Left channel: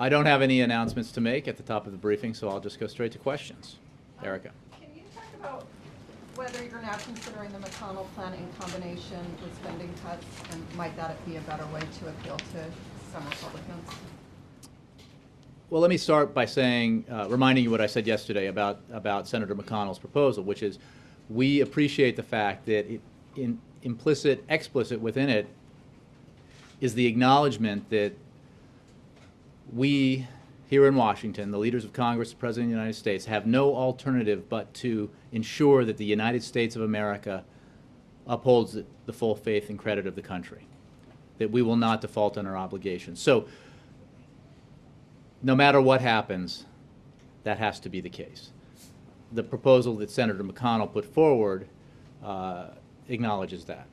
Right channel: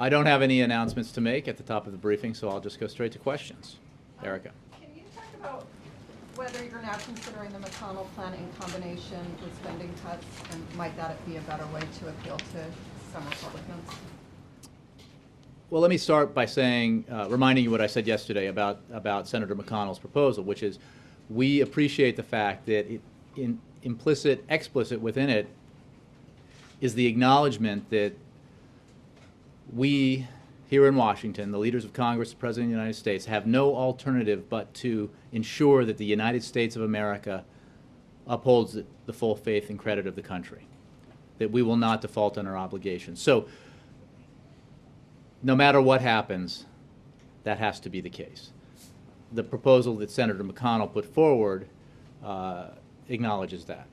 I don't have any announcements to make at the top of the briefing, so I'll just go straight to questions. Erica. Can you talk about whether you're now considering the McConnell plan in combination with spending cuts, and might that be a better way to appeal to some Republicans? Well, let me start by saying, reminding you what I said yesterday about Senator McConnell's proposal, which is we appreciate the fact that explicit within it is the acknowledgement that we here in Washington, the leaders of Congress, the President of the United States, have no alternative but to ensure that the United States of America upholds the full faith and credit of the country, that we will not default on our obligations. So no matter what happens, that has to be the case. The proposal that Senator McConnell put forward acknowledges that.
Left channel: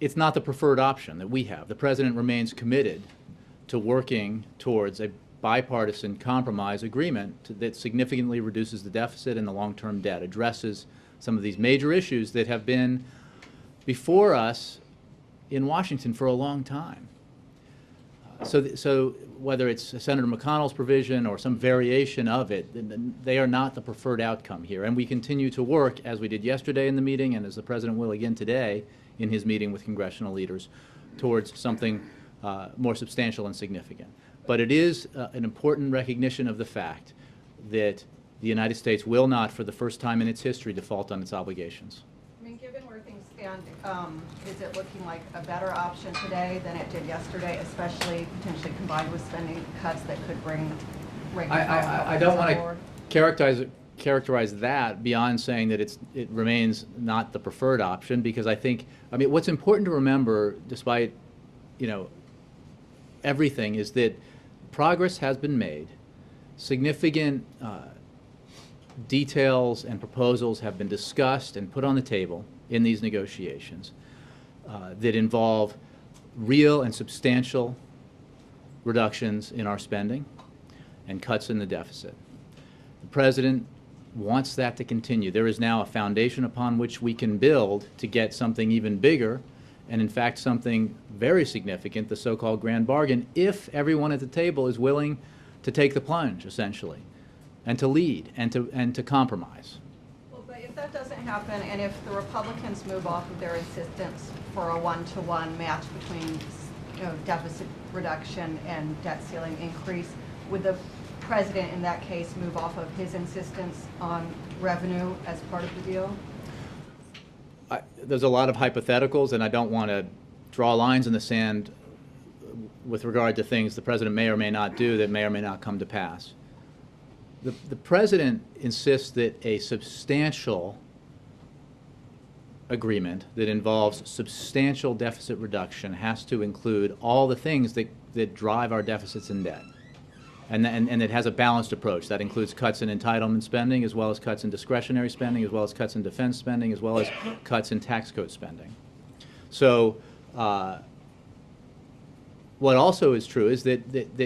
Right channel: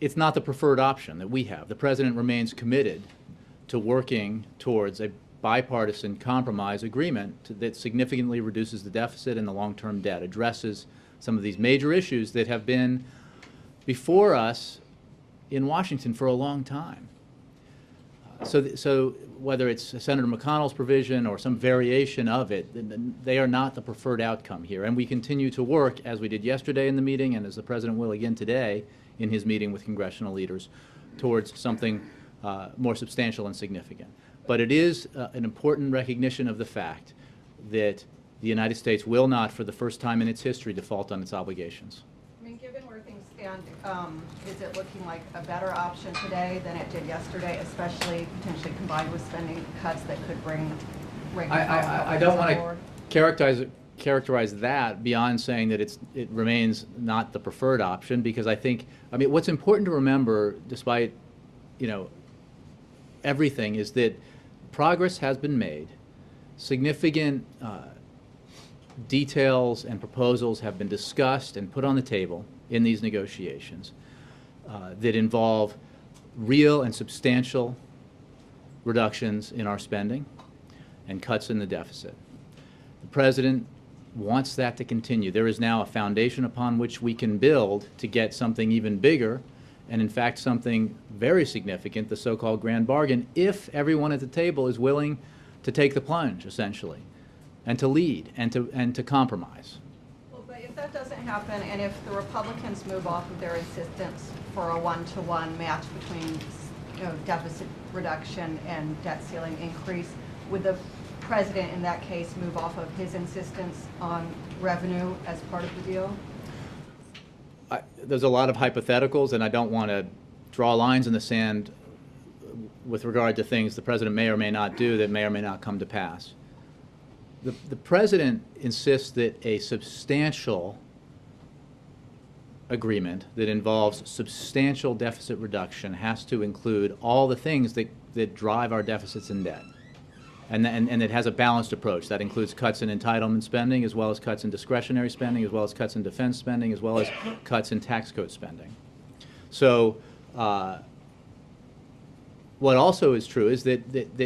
It's not the preferred option that we have. The President remains committed to working towards a bipartisan compromise agreement that significantly reduces the deficit and the long-term debt, addresses some of these major issues that have been before us in Washington for a long time. So whether it's Senator McConnell's provision or some variation of it, they are not the preferred outcome here. And we continue to work, as we did yesterday in the meeting and as the President will again today in his meeting with congressional leaders, towards something more substantial and significant. But it is an important recognition of the fact that the United States will not, for the first time in its history, default on its obligations. I mean, given where things stand, is it looking like a better option today than it did yesterday, especially potentially combined with spending cuts that could bring I don't want to characterize that beyond saying that it remains not the preferred option, because I mean, what's important to remember, despite, everything, is that progress has been made. Significant details and proposals have been discussed and put on the table in these negotiations that involve real and substantial reductions in our spending and cuts in the deficit. The President wants that to continue. There is now a foundation upon which we can build to get something even bigger, and in fact something very significant, the so-called grand bargain, if everyone at the table is willing to take the plunge, essentially, and to lead and to compromise. Well, but if that doesn't happen, and if the Republicans move off of their insistence for a one-to-one match between deficit reduction and debt ceiling increase, would the President in that case move off of his insistence on revenue as part of the deal? There's a lot of hypotheticals, and I don't want to draw lines in the sand with regard to things the President may or may not do that may or may not come to pass. The President insists that a substantial agreement that involves substantial deficit reduction has to include all the things that drive our deficits and debt. And it has a balanced approach. That includes cuts in entitlement spending, as well as cuts in discretionary spending, as well as cuts in defense spending, as well as cuts in tax code spending. So what also is true is that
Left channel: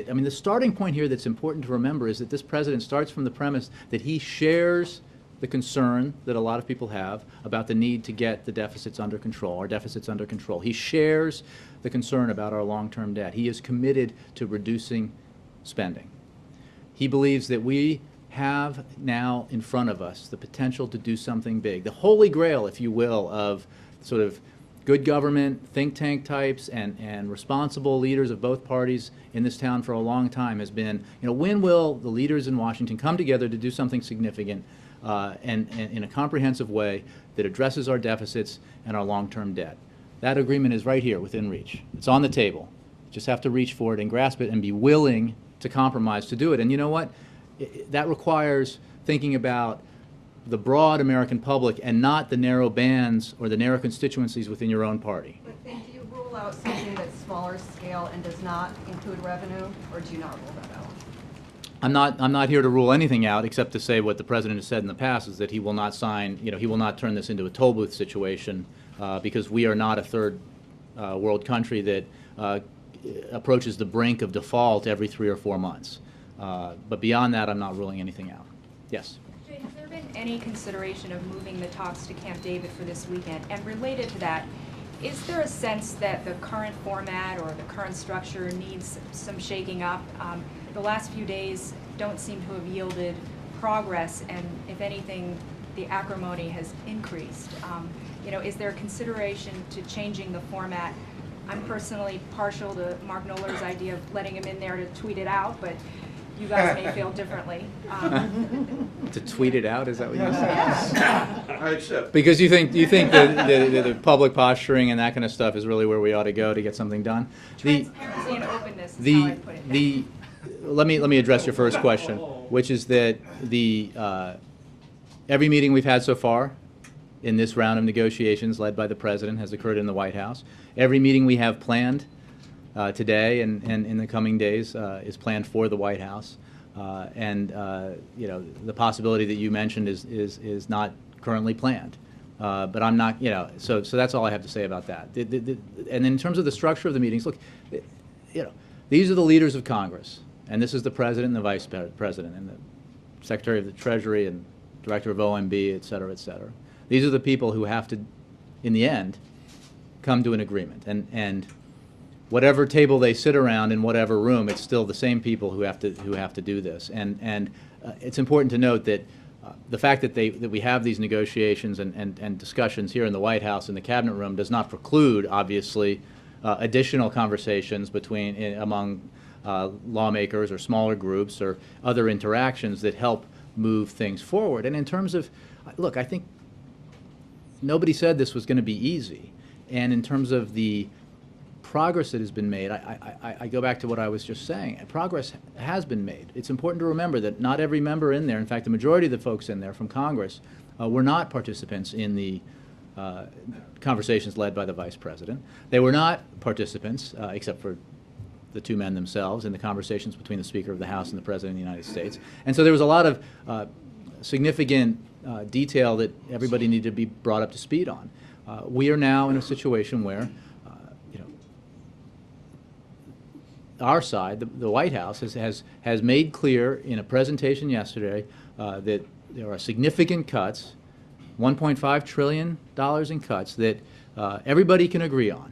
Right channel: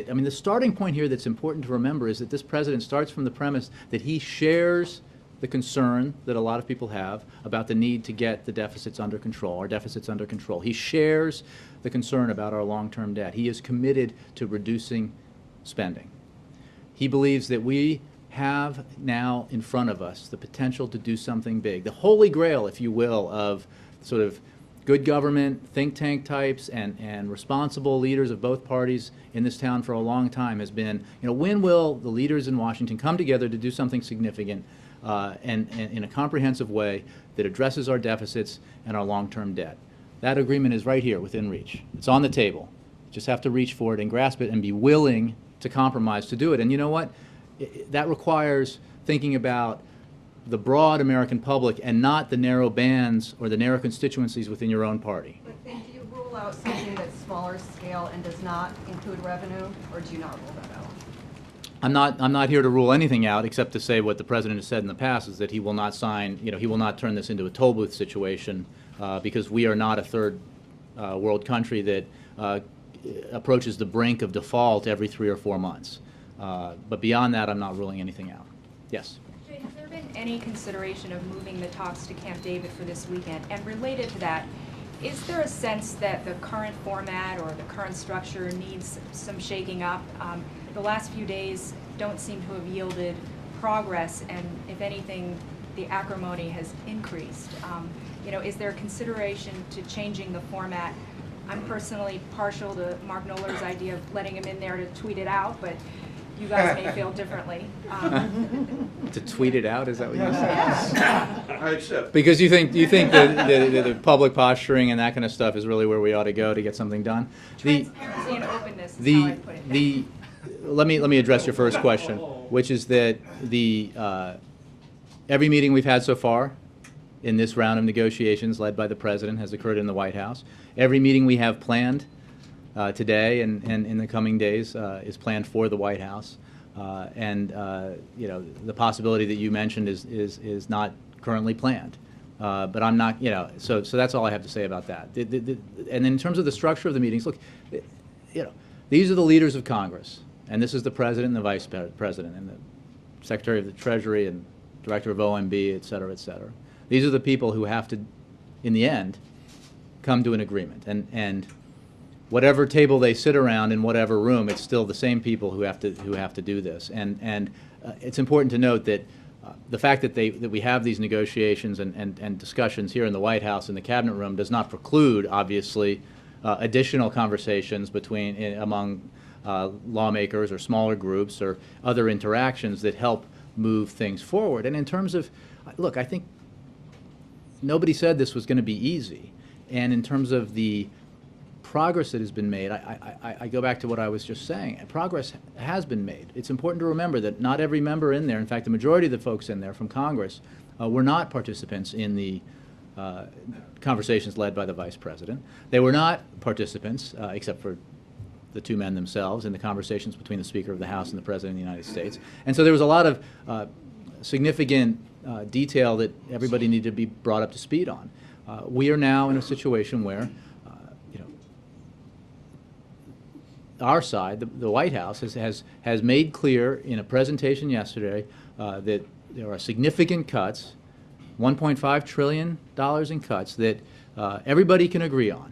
I mean, the starting point here that's important to remember is that this President starts from the premise that he shares the concern that a lot of people have about the need to get the deficits under control, our deficits under control. He shares the concern about our long-term debt. He is committed to reducing spending. He believes that we have now in front of us the potential to do something big. The holy grail, if you will, of sort of good government, think tank types, and responsible leaders of both parties in this town for a long time has been, when will the leaders in Washington come together to do something significant and in a comprehensive way that addresses our deficits and our long-term debt? That agreement is right here within reach. It's on the table. You just have to reach for it and grasp it and be willing to compromise to do it. And you know what? That requires thinking about the broad American public and not the narrow bands or the narrow constituencies within your own party. But do you rule out something that's smaller scale and does not include revenue, or do you not rule that out? I'm not here to rule anything out, except to say what the President has said in the past is that he will not sign, he will not turn this into a toll booth situation because we are not a third world country that approaches the brink of default every 3 or 4 months. But beyond that, I'm not ruling anything out. Yes? Has there been any consideration of moving the talks to Camp David for this weekend? And related to that, Is there a sense that the current format or the current structure needs some shaking up? The last few days don't seem to have yielded progress, and if anything, the acrimony has increased. Is there a consideration to changing the format? I'm personally partial to Mark Knoller's idea of letting him in there to tweet it out, but you guys may feel differently. To tweet it out, is that what you said? I accept. Because you think the public posturing and that kind of stuff is really where we ought to go to get something done. Transparency and openness is how I put it. Let me address your first question, which is that every meeting we've had so far in this round of negotiations led by the president has occurred in the White House. Every meeting we have planned today and in the coming days is planned for the White House. The possibility that you mentioned is not currently planned. But I'm not, so that's all I have to say about that. And in terms of the structure of the meetings, look, these are the leaders of Congress, and this is the president and the vice president and the secretary of the Treasury and director of OMB, et cetera, et cetera. These are the people who have to, in the end, come to an agreement. And whatever table they sit around in whatever room, it's still the same people who have to do this. And it's important to note that the fact that we have these negotiations and discussions here in the White House in the cabinet room does not preclude, obviously, additional conversations among lawmakers or smaller groups or other interactions that help move things forward. And in terms of, look, I think nobody said this was going to be easy. And in terms of the progress that has been made, I go back to what I was just saying. Progress has been made. It's important to remember that not every member in there, in fact, the majority of the folks in there from Congress, were not participants in the conversations led by the vice president. They were not participants, except for the two men themselves, in the conversations between the Speaker of the House and the President of the United States. And so there was a lot of significant detail that everybody needed to be brought up to speed on. We are now in a situation where our side, the White House, has made clear in a presentation yesterday that there are significant cuts, $1.5 trillion in cuts that everybody can agree on,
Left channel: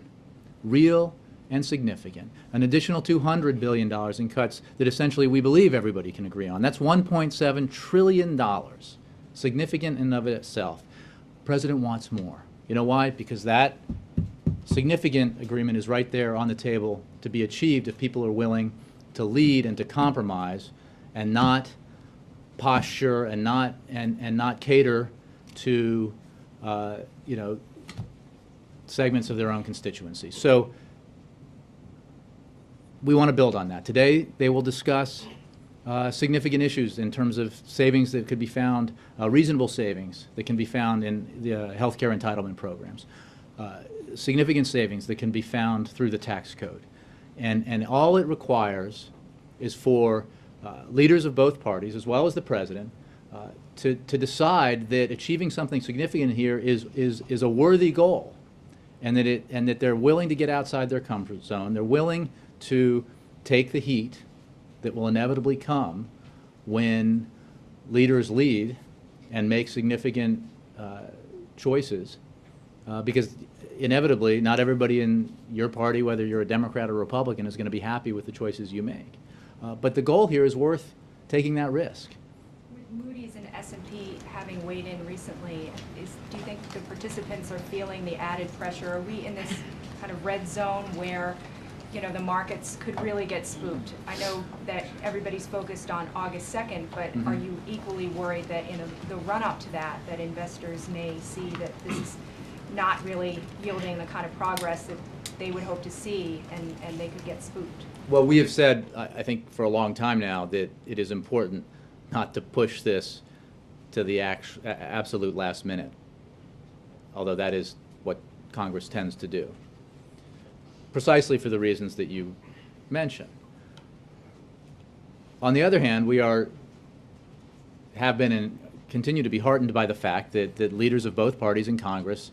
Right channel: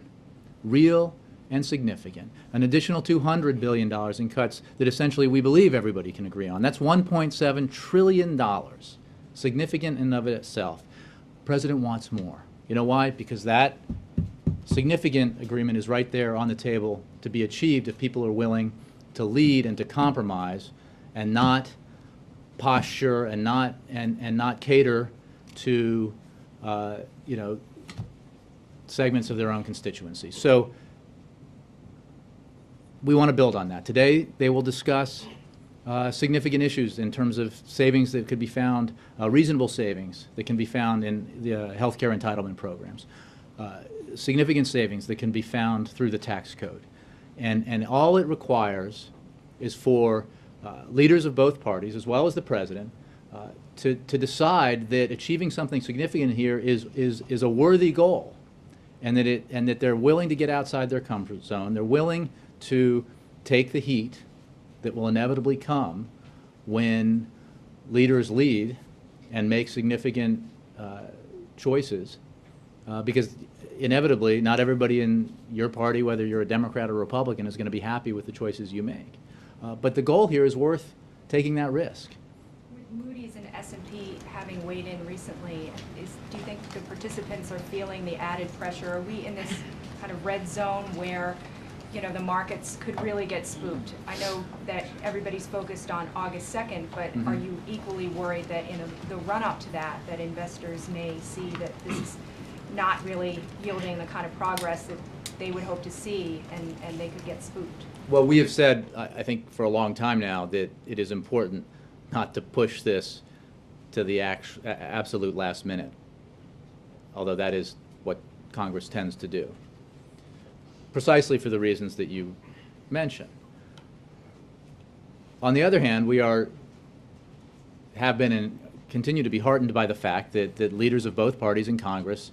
real and significant. An additional $200 billion in cuts that essentially we believe everybody can agree on. That's $1.7 trillion, significant in and of itself. The president wants more. You know why? Because that significant agreement is right there on the table to be achieved if people are willing to lead and to compromise and not posture and not cater to segments of their own constituency. So we want to build on that. Today they will discuss significant issues in terms of savings that could be found, reasonable savings that can be found in the health care entitlement programs. Significant savings that can be found through the tax code. And all it requires is for leaders of both parties, as well as the president, to decide that achieving something significant here is a worthy goal, and that they're willing to get outside their comfort zone. They're willing to take the heat that will inevitably come when leaders lead and make significant choices, because inevitably, not everybody in your party, whether you're a Democrat or Republican, is going to be happy with the choices you make. But the goal here is worth taking that risk. Moody's and S&P having weighed in recently, do you think the participants are feeling the added pressure? Are we in this kind of red zone where the markets could really get spooked? I know that everybody's focused on August 2nd, but are you equally worried that in the run-up to that investors may see that this is not really yielding the kind of progress that they would hope to see, and they could get spooked? Well, we have said, I think for a long time now, that it is important not to push this to the absolute last minute, although that is what Congress tends to do, precisely for the reasons that you mentioned. On the other hand, we have been and continue to be heartened by the fact that leaders of both parties in Congress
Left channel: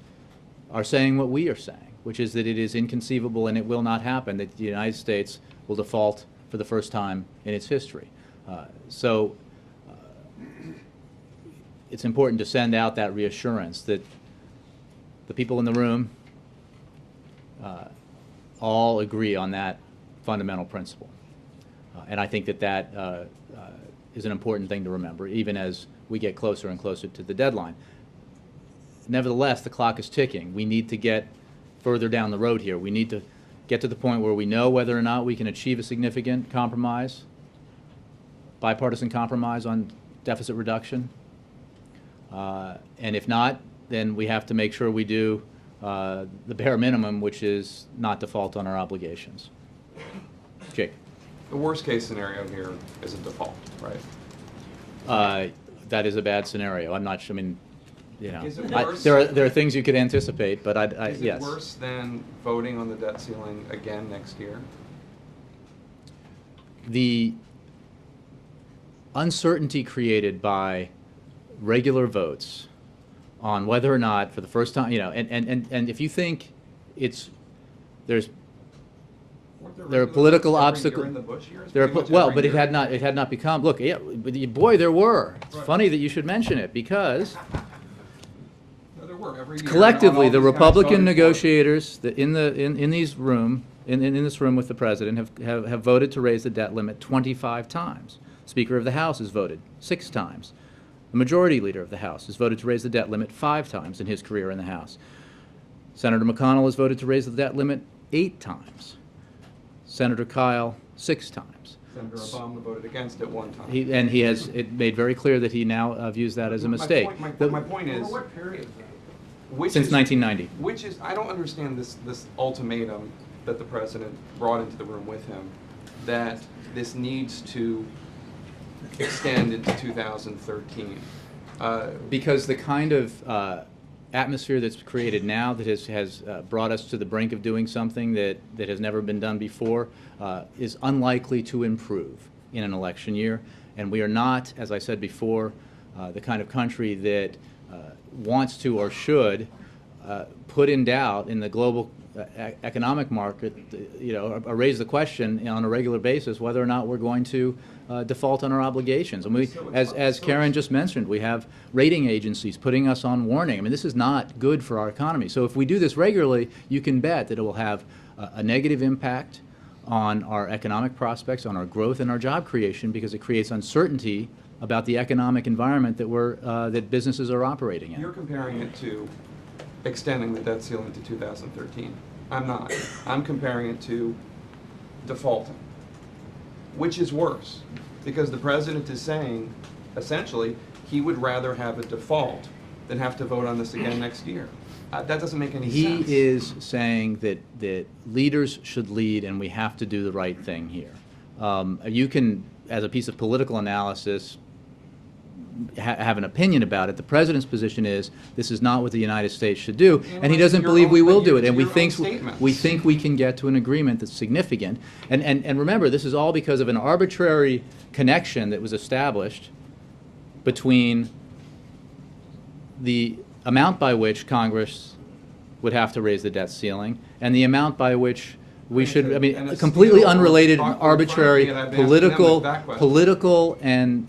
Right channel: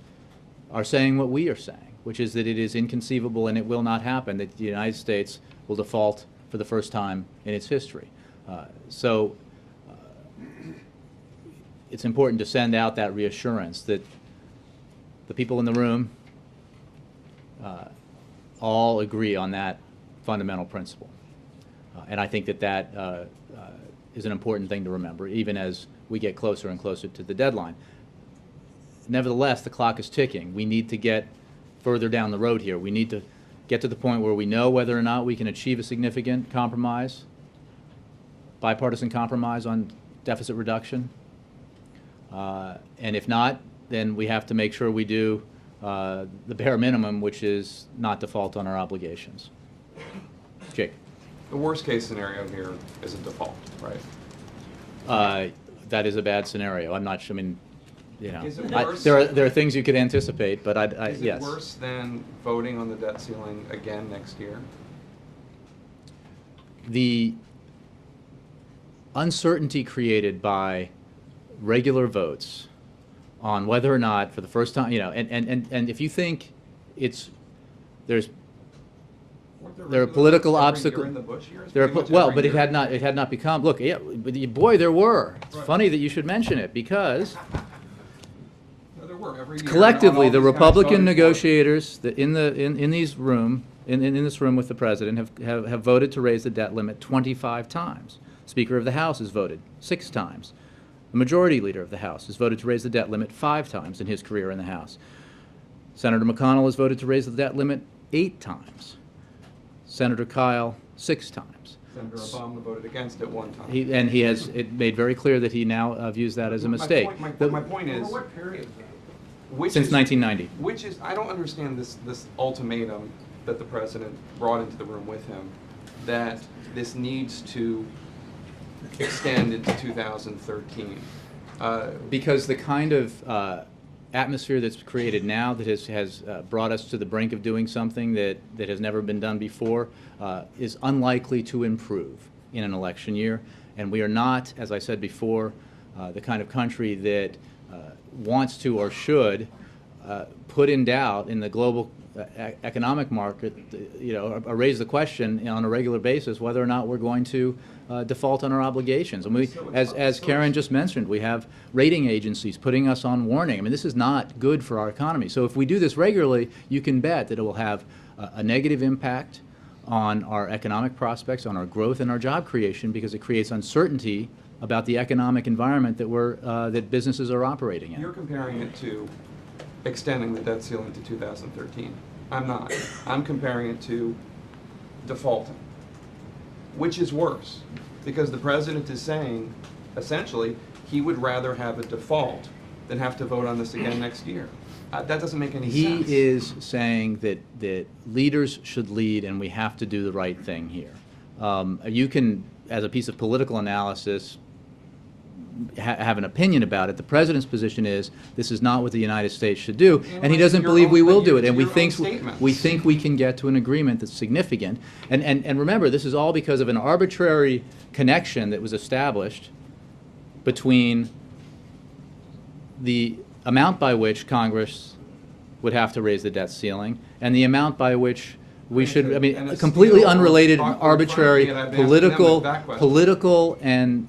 are saying what we are saying, which is that it is inconceivable and it will not happen that the United States will default for the first time in its history. So it's important to send out that reassurance that the people in the room all agree on that fundamental principle. And I think that is an important thing to remember, even as we get closer and closer to the deadline. Nevertheless, the clock is ticking. We need to get further down the road here. We need to get to the point where we know whether or not we can achieve a significant compromise, bipartisan compromise on deficit reduction. And if not, then we have to make sure we do the bare minimum, which is not default on our obligations. Jake. The worst case scenario here is a default, right? That is a bad scenario. I'm not sure. I mean, you know, Is it worse? there are things you could anticipate, but Is yes. it worse than voting on the debt ceiling again next year? The uncertainty created by regular votes on whether or not, for the first time, you know, and if you think there are political obstacles. But it had not become. Look, yeah, boy, there were. It's funny that you should mention it because collectively, the Republican negotiators in this room with the president have voted to raise the debt limit 25 times. Speaker of the House has voted 6 times. The majority leader of the House has voted to raise the debt limit 5 times in his career in the House. Senator McConnell has voted to raise the debt limit 8 times. Senator Kyle 6 times. Senator Obama voted against it 1 time. He has made very clear that he now views that as a mistake. My point is, what period? Since 1990. Which is, I don't understand this ultimatum that the president brought into the room with him, that this needs to extend into 2013. Because the kind of atmosphere that's created now that has brought us to the brink of doing something that has never been done before is unlikely to improve in an election year. And we are not, as I said before, the kind of country that wants to or should put in doubt in the global economic market, or raise the question on a regular basis whether or not we're going to default on our obligations. And as Karen just mentioned, we have rating agencies putting us on warning. I mean, this is not good for our economy. So if we do this regularly, you can bet that it will have a negative impact on our economic prospects, on our growth and our job creation, because it creates uncertainty about the economic environment that businesses are operating in. You're comparing it to extending the debt ceiling to 2013. I'm not. I'm comparing it to defaulting, which is worse, because the president is saying, essentially, he would rather have a default than have to vote on this again next year. That doesn't make any sense. He is saying that leaders should lead, and we have to do the right thing here. You can, as a piece of political analysis, have an opinion about it. The president's position is this is not what the United States should do, and he doesn't believe we will do it. And we think we can get to an agreement that's significant. And remember, this is all because of an arbitrary connection that was established between the amount by which Congress would have to raise the debt ceiling and the amount by which we should, I mean, completely unrelated, arbitrary, political and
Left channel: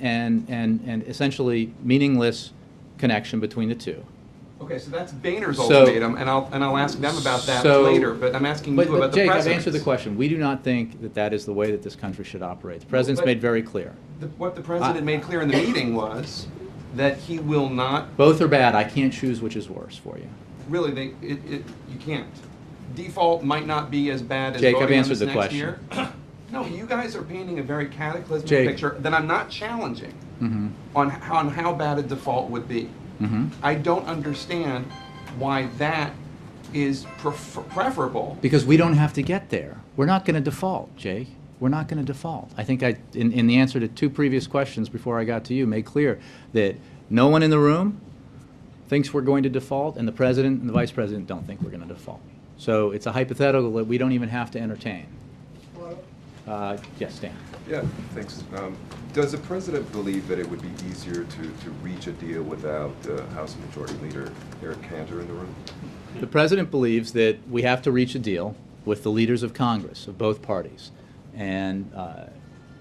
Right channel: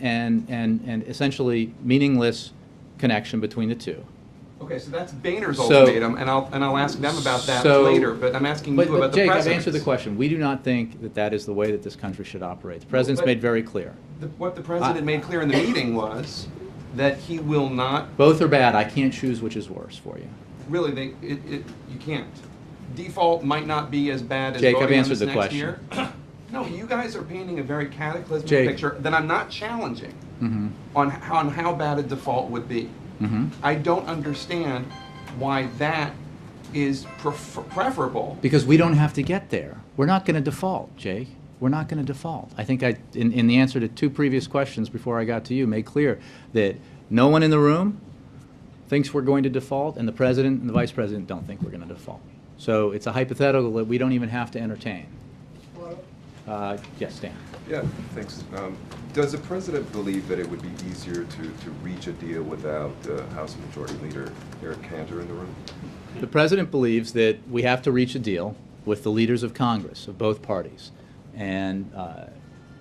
essentially meaningless connection between the two. Okay, so that's Boehner's ultimatum, and I'll ask them about that later. But I'm asking you about the Jake, president's. I've answered the question. We do not think that is the way that this country should operate. The president's made very clear. What the president made clear in the meeting was that he will not. Both are bad. I can't choose which is worse for you. Really, you can't. Default might not be as bad as Jake, voting I've on answered this the next question. year. No, you guys are painting a very cataclysmic Jake. picture that I'm not challenging on how bad a default would be. I don't understand why that is preferable. Because we don't have to get there. We're not going to default, Jake. We're not going to default. I think in the answer to 2 previous questions before I got to you, made clear that no one in the room thinks we're going to default, and the president and the vice president don't think we're going to default. So it's a hypothetical that we don't even have to entertain. Yes, Dan. Yeah, thanks. Does the president believe that it would be easier to reach a deal without House Majority Leader Eric Cantor in the room? The president believes that we have to reach a deal with the leaders of Congress, of both parties. And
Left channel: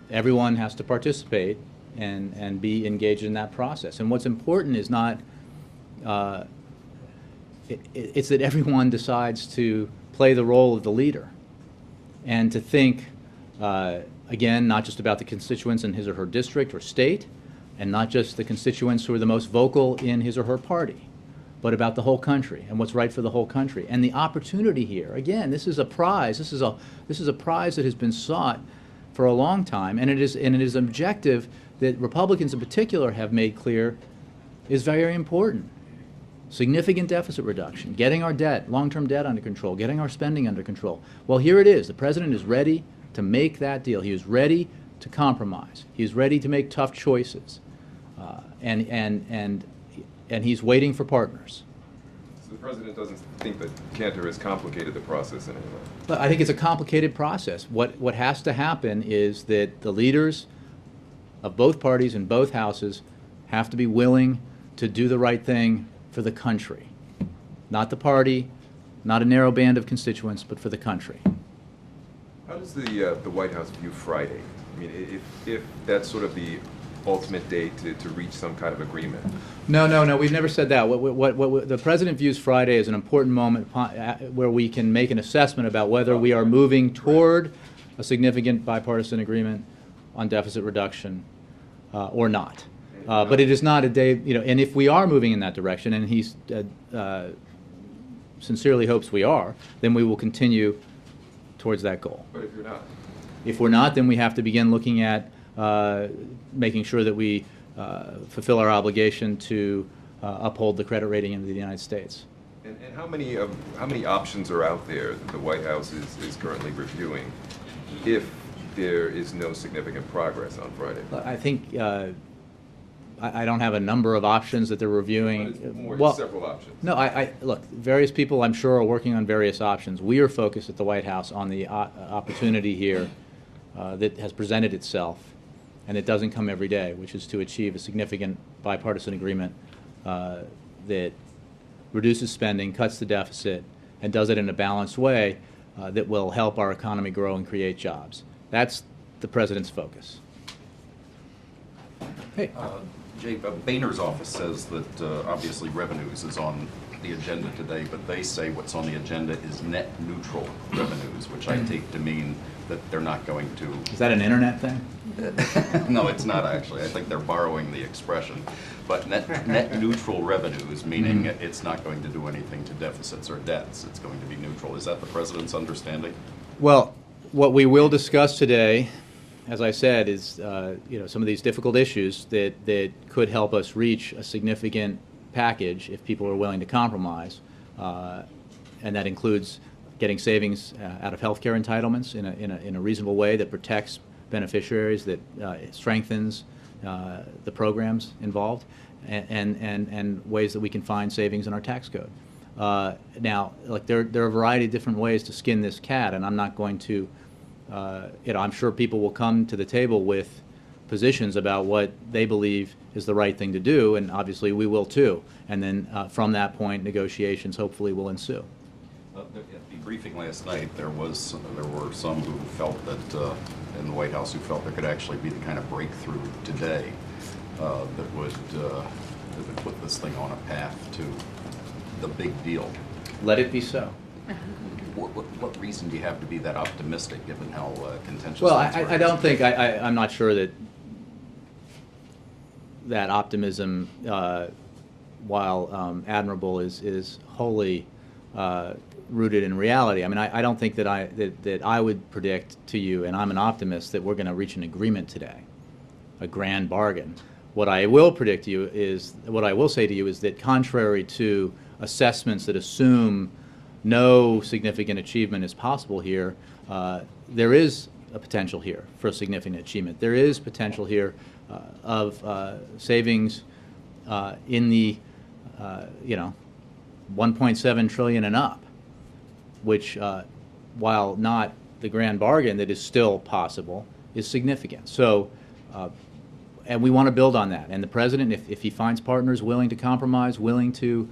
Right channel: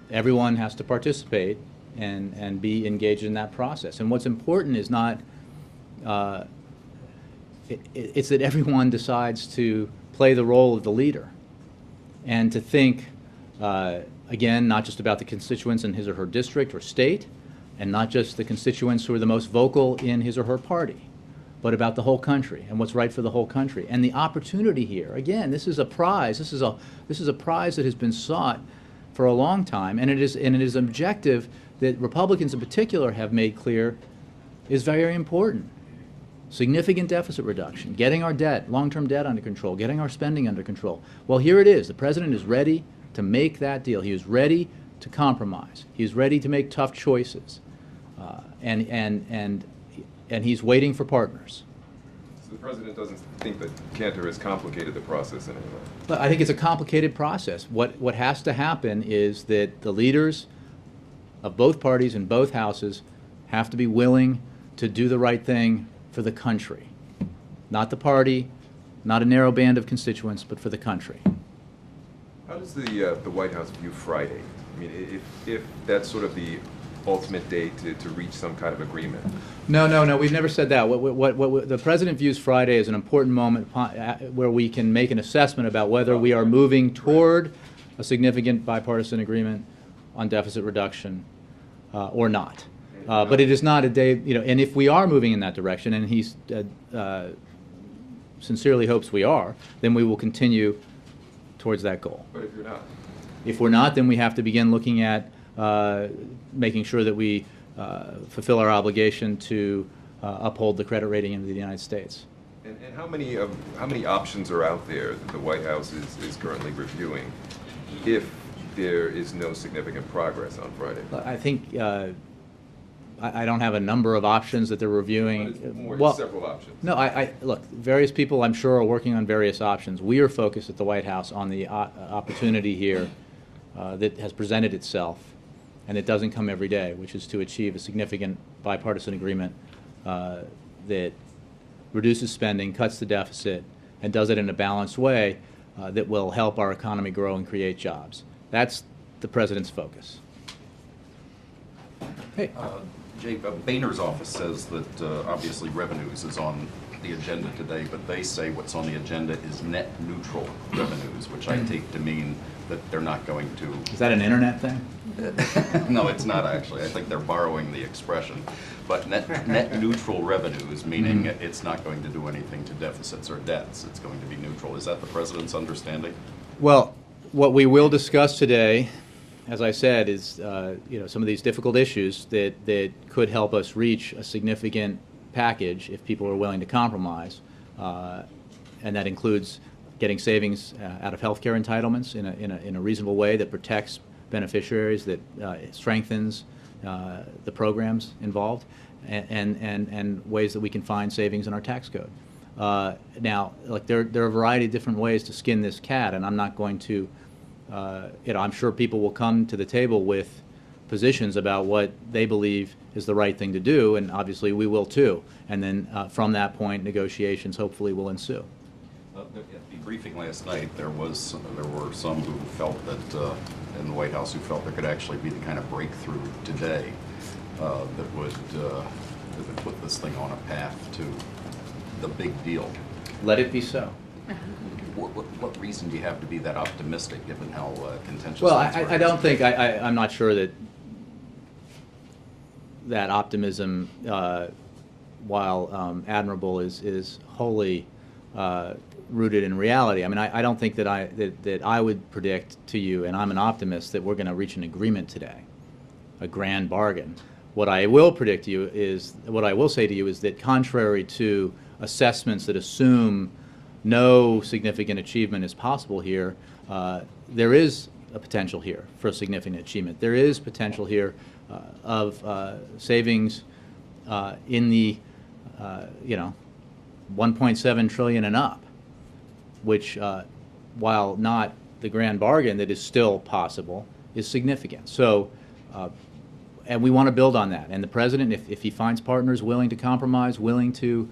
everyone has to participate and be engaged in that process. And what's important is not, it's that everyone decides to play the role of the leader and to think, again, not just about the constituents in his or her district or state, and not just the constituents who are the most vocal in his or her party, but about the whole country and what's right for the whole country. And the opportunity here, again, this is a prize. This is a prize that has been sought for a long time, and it is an objective that Republicans in particular have made clear is very important. Significant deficit reduction, getting our debt, long-term debt under control, getting our spending under control. Well, here it is. The president is ready to make that deal. He is ready to compromise. He is ready to make tough choices, and he's waiting for partners. So the president doesn't think that Cantor has complicated the process in any way? But I think it's a complicated process. What has to happen is that the leaders of both parties in both houses have to be willing to do the right thing for the country. Not the party, not a narrow band of constituents, but for the country. How does the White House view Friday? I mean, if that's sort of the ultimate date to reach some kind of agreement. No, we've never said that. What the president views Friday as an important moment where we can make an assessment about whether we are moving toward a significant bipartisan agreement on deficit reduction or not. But it is not a day, and if we are moving in that direction, and he sincerely hopes we are, then we will continue towards that goal. But if you're not? If we're not, then we have to begin looking at making sure that we fulfill our obligation to uphold the credit rating of the United States. And how many options are out there that the White House is currently reviewing if there is no significant progress on Friday? I think I don't have a number of options that they're reviewing. But it's more several options. No, look, various people I'm sure are working on various options. We are focused at the White House on the opportunity here that has presented itself, and it doesn't come every day, which is to achieve a significant bipartisan agreement that reduces spending, cuts the deficit, and does it in a balanced way that will help our economy grow and create jobs. That's the president's focus. Hey. Jake, Boehner's office says that obviously revenues is on the agenda today, but they say what's on the agenda is net neutral revenues, which I take to mean that they're not going to. Is that an internet thing? No, it's not actually. I think they're borrowing the expression. But net neutral revenues, meaning it's not going to do anything to deficits or debts. It's going to be neutral. Is that the president's understanding? Well, what we will discuss today, as I said, is some of these difficult issues that could help us reach a significant package if people are willing to compromise, and that includes getting savings out of health care entitlements in a reasonable way that protects beneficiaries, that strengthens the programs involved, and ways that we can find savings in our tax code. Now, there are a variety of different ways to skin this cat, and I'm not going to. I'm sure people will come to the table with positions about what they believe is the right thing to do, and obviously we will too. And then from that point, negotiations hopefully will ensue. At the briefing last night, there were some who felt that in the White House who felt there could actually be the kind of breakthrough today that would put this thing on a path to the big deal. Let it be so. What reason do you have to be that optimistic, given how contentious? Well, I don't think I'm not sure that optimism, while admirable, is wholly rooted in reality. I mean, I don't think that I would predict to you, and I'm an optimist, that we're going to reach an agreement today, a grand bargain. What I will predict to you is, what I will say to you is that contrary to assessments that assume no significant achievement is possible here, there is a potential here for a significant achievement. There is potential here of savings in the 1.7 trillion and up, which, while not the grand bargain that is still possible, is significant. So, and we want to build on that. And the president, if he finds partners willing to compromise, willing to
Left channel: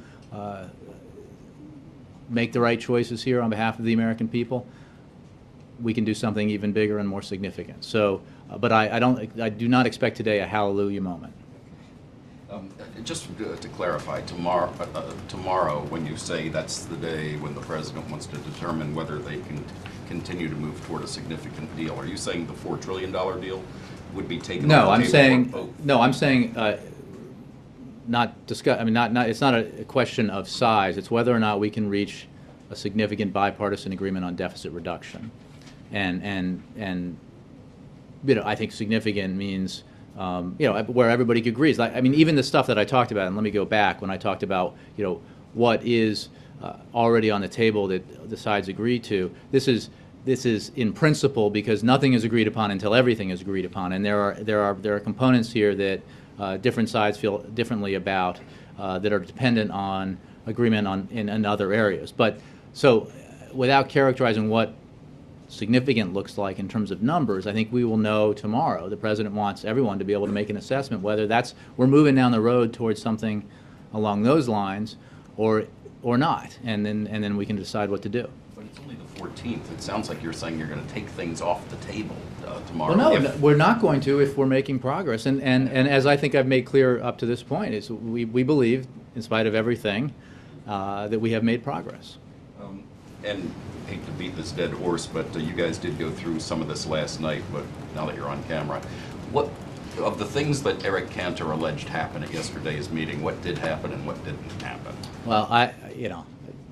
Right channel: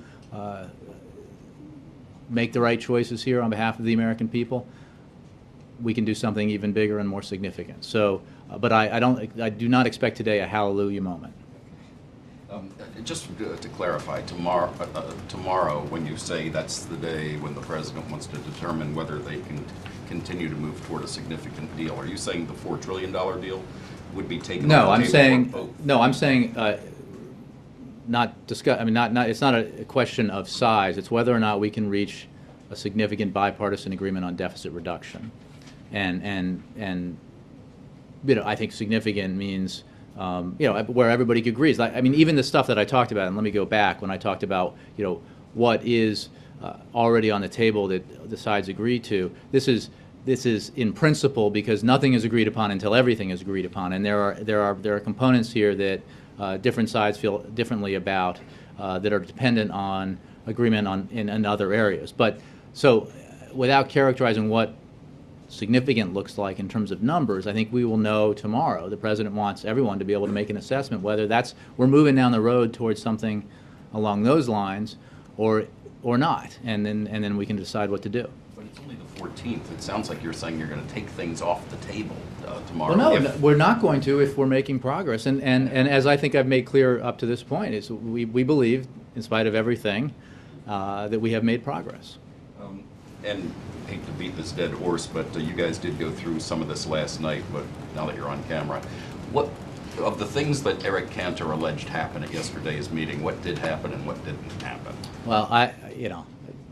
make the right choices here on behalf of the American people, we can do something even bigger and more significant. So, but I do not expect today a hallelujah moment. Just to clarify, tomorrow, when you say that's the day when the president wants to determine whether they can continue to move toward a significant deal, are you saying the $4 trillion deal would be taken No, off I'm the table saying, for both? no, I'm saying, not discuss, I mean, not, it's not a question of size, it's whether or not we can reach a significant bipartisan agreement on deficit reduction. And you know, I think significant means, you know, where everybody agrees. I mean, even the stuff that I talked about, and let me go back when I talked about, you know, what is already on the table that the sides agree to. This is in principle because nothing is agreed upon until everything is agreed upon, and there are components here that different sides feel differently about that are dependent on agreement on in other areas. But so, without characterizing what significant looks like in terms of numbers, I think we will know tomorrow. The president wants everyone to be able to make an assessment whether we're moving down the road towards something along those lines, or not, and then we can decide what to do. But it's only the 14th. It sounds like you're saying you're going to take things off the table tomorrow. Well, no, we're not going to if we're making progress. And as I think I've made clear up to this point, is we believe, in spite of everything, that we have made progress. And I hate to beat this dead horse, but you guys did go through some of this last night, but now that you're on camera, what of the things that Eric Cantor alleged happened at yesterday's meeting, what did happen and what didn't happen? Well,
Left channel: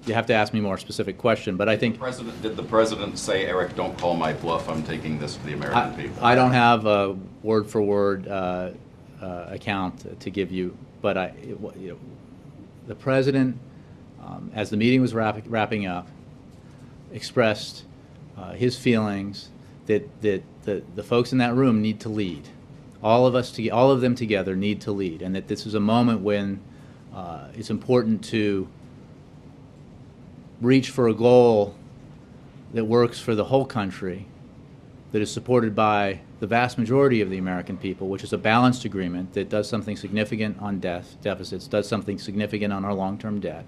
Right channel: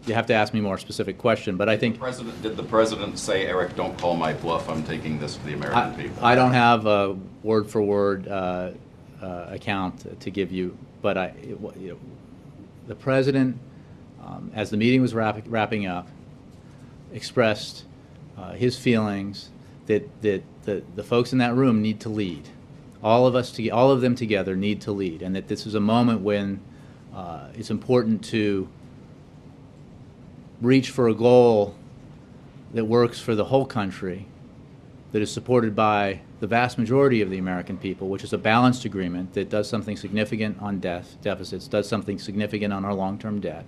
you have to ask me a more specific question, but I think Did the president say, Eric, don't call my bluff, I'm taking this to the American people? I don't have a word-for-word account to give you, but the president, as the meeting was wrapping up, expressed his feelings that the folks in that room need to lead. All of them together need to lead, and that this is a moment when it's important to reach for a goal that works for the whole country, that is supported by the vast majority of the American people, which is a balanced agreement that does something significant on deficits, does something significant on our long-term debt,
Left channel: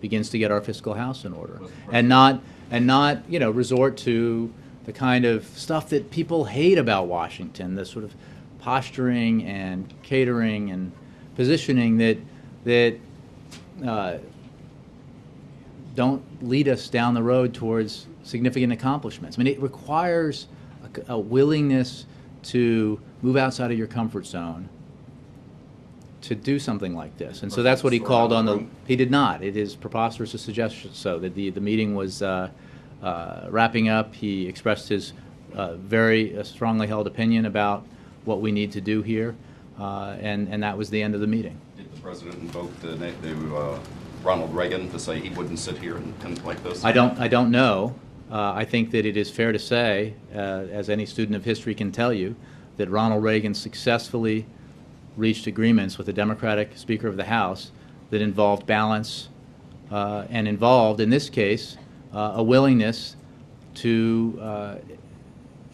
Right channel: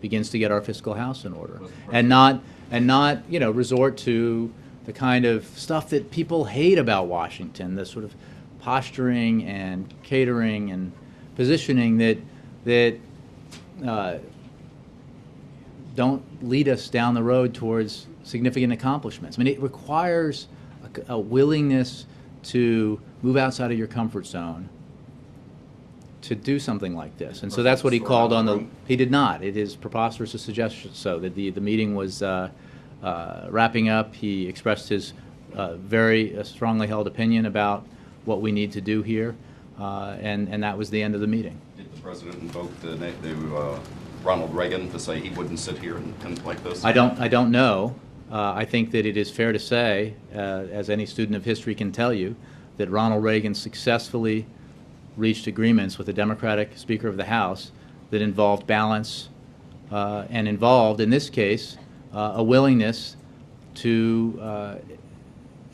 begins to get our fiscal house in order, and not resort to the kind of stuff that people hate about Washington, the sort of posturing and catering and positioning that don't lead us down the road towards significant accomplishments. I mean, it requires a willingness to move outside of your comfort zone to do something like this. And so that's what he called on the... He did not. It is preposterous to suggest so. That the meeting was wrapping up. He expressed his very strongly held opinion about what we need to do here, and that was the end of the meeting. Did the president invoke Ronald Reagan to say he wouldn't sit here and like this? I don't know. I think that it is fair to say, as any student of history can tell you, that Ronald Reagan successfully reached agreements with the Democratic Speaker of the House that involved balance and involved, in this case, a willingness to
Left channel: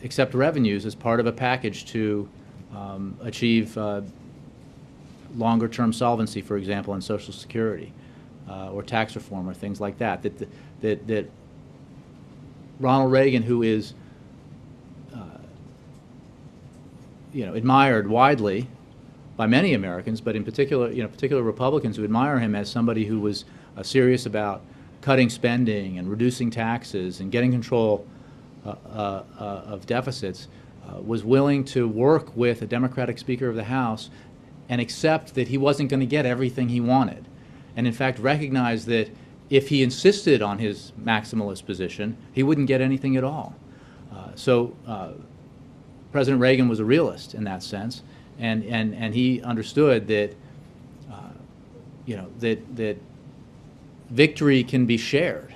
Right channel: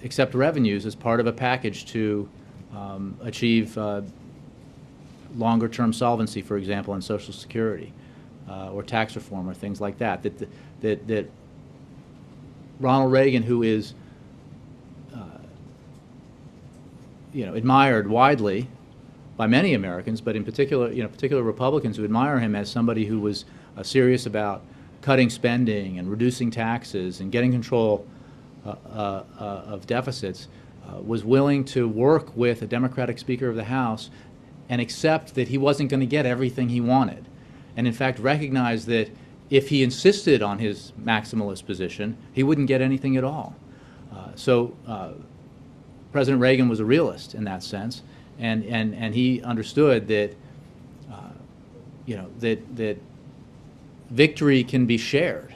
accept revenues as part of a package to achieve longer-term solvency, for example, in Social Security or tax reform or things like that. That Ronald Reagan, who is admired widely by many Americans, but in particular Republicans who admire him as somebody who was serious about cutting spending and reducing taxes and getting control of deficits, was willing to work with a Democratic Speaker of the House and accept that he wasn't going to get everything he wanted, and in fact recognize that if he insisted on his maximalist position, he wouldn't get anything at all. So President Reagan was a realist in that sense. And he understood that that victory can be shared,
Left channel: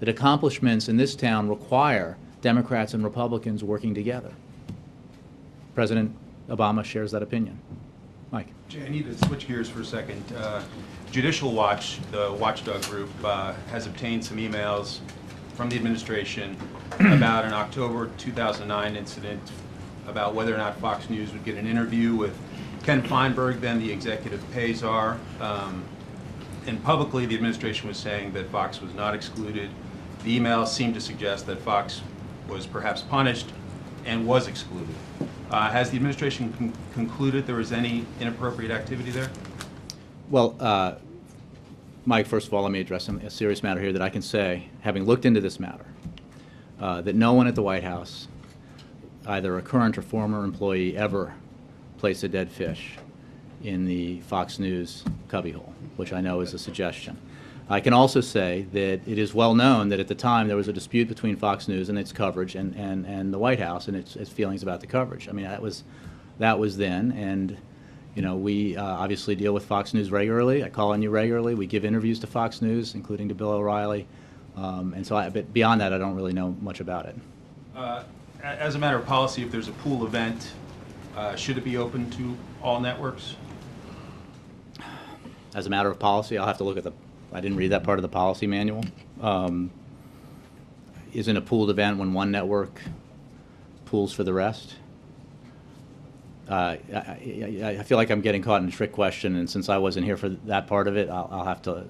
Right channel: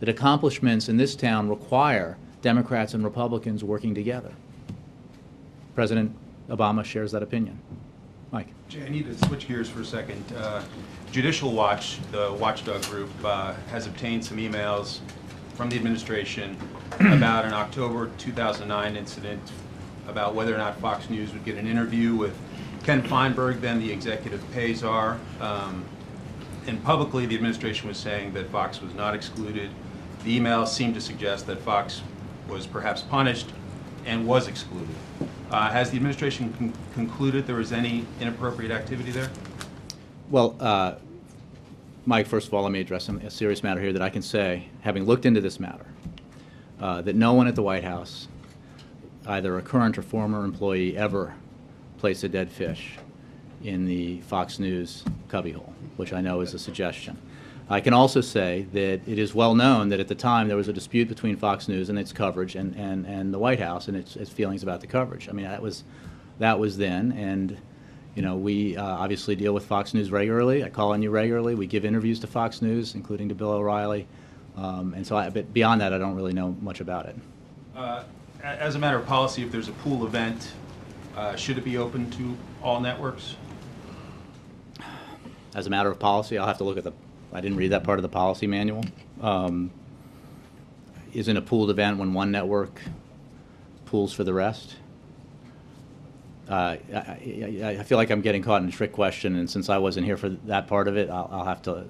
that accomplishments in this town require Democrats and Republicans working together. President Obama shares that opinion. Mike. Jay, I need to switch gears for a second. Judicial Watch, the watchdog group, has obtained some emails from the administration about an October 2009 incident about whether or not Fox News would get an interview with Ken Feinberg, then the executive pay czar. And publicly, the administration was saying that Fox was not excluded. The emails seemed to suggest that Fox was perhaps punished and was excluded. Has the administration concluded there was any inappropriate activity there? Well, Mike, first of all, let me address a serious matter here that I can say, having looked into this matter, that no one at the White House, either a current or former employee, ever placed a dead fish in the Fox News cubbyhole, which I know is a suggestion. I can also say that it is well known that at the time there was a dispute between Fox News and its coverage and the White House and its feelings about the coverage. I mean, that was then, and you know, we obviously deal with Fox News regularly. I call on you regularly. We give interviews to Fox News, including to Bill O'Reilly, and so but beyond that, I don't really know much about it. As a matter of policy, if there's a pool event, should it be open to all networks? As a matter of policy, I'll have to look at I didn't read that part of the policy manual. Isn't a pooled event when one network pools for the rest? I feel like I'm getting caught in a trick question, and since I wasn't here for that part of it, I'll have to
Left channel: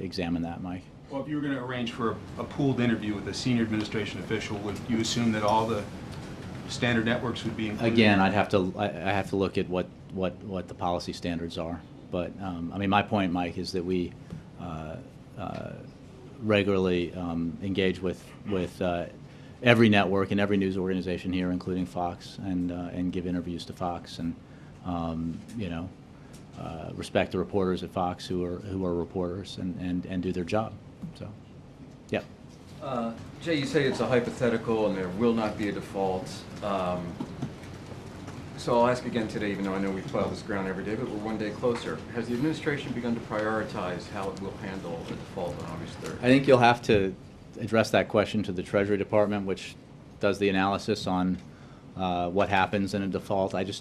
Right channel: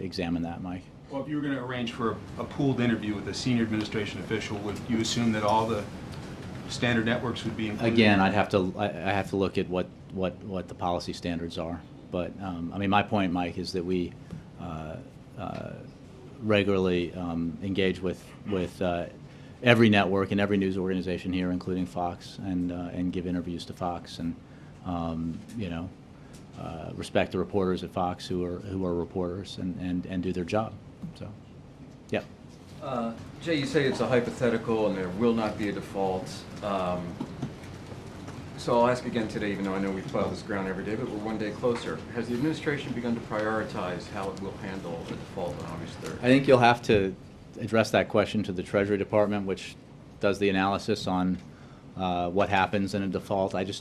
examine that, Mike. Well, if you were going to arrange for a pooled interview with a senior administration official, would you assume that all the standard networks would be included? Again, I have to look at what the policy standards are. But I mean, my point, Mike, is that we regularly engage with every network and every news organization here, including Fox, and give interviews to Fox, and you know, respect the reporters at Fox who are reporters and do their job. So, yeah. Jay, you say it's a hypothetical and there will not be a default. So I'll ask again today, even though I know we plow this ground every day, but we're one day closer. Has the administration begun to prioritize how it will handle a default on August 3rd? I think you'll have to address that question to the Treasury Department, which does the analysis on what happens in a default. I don't.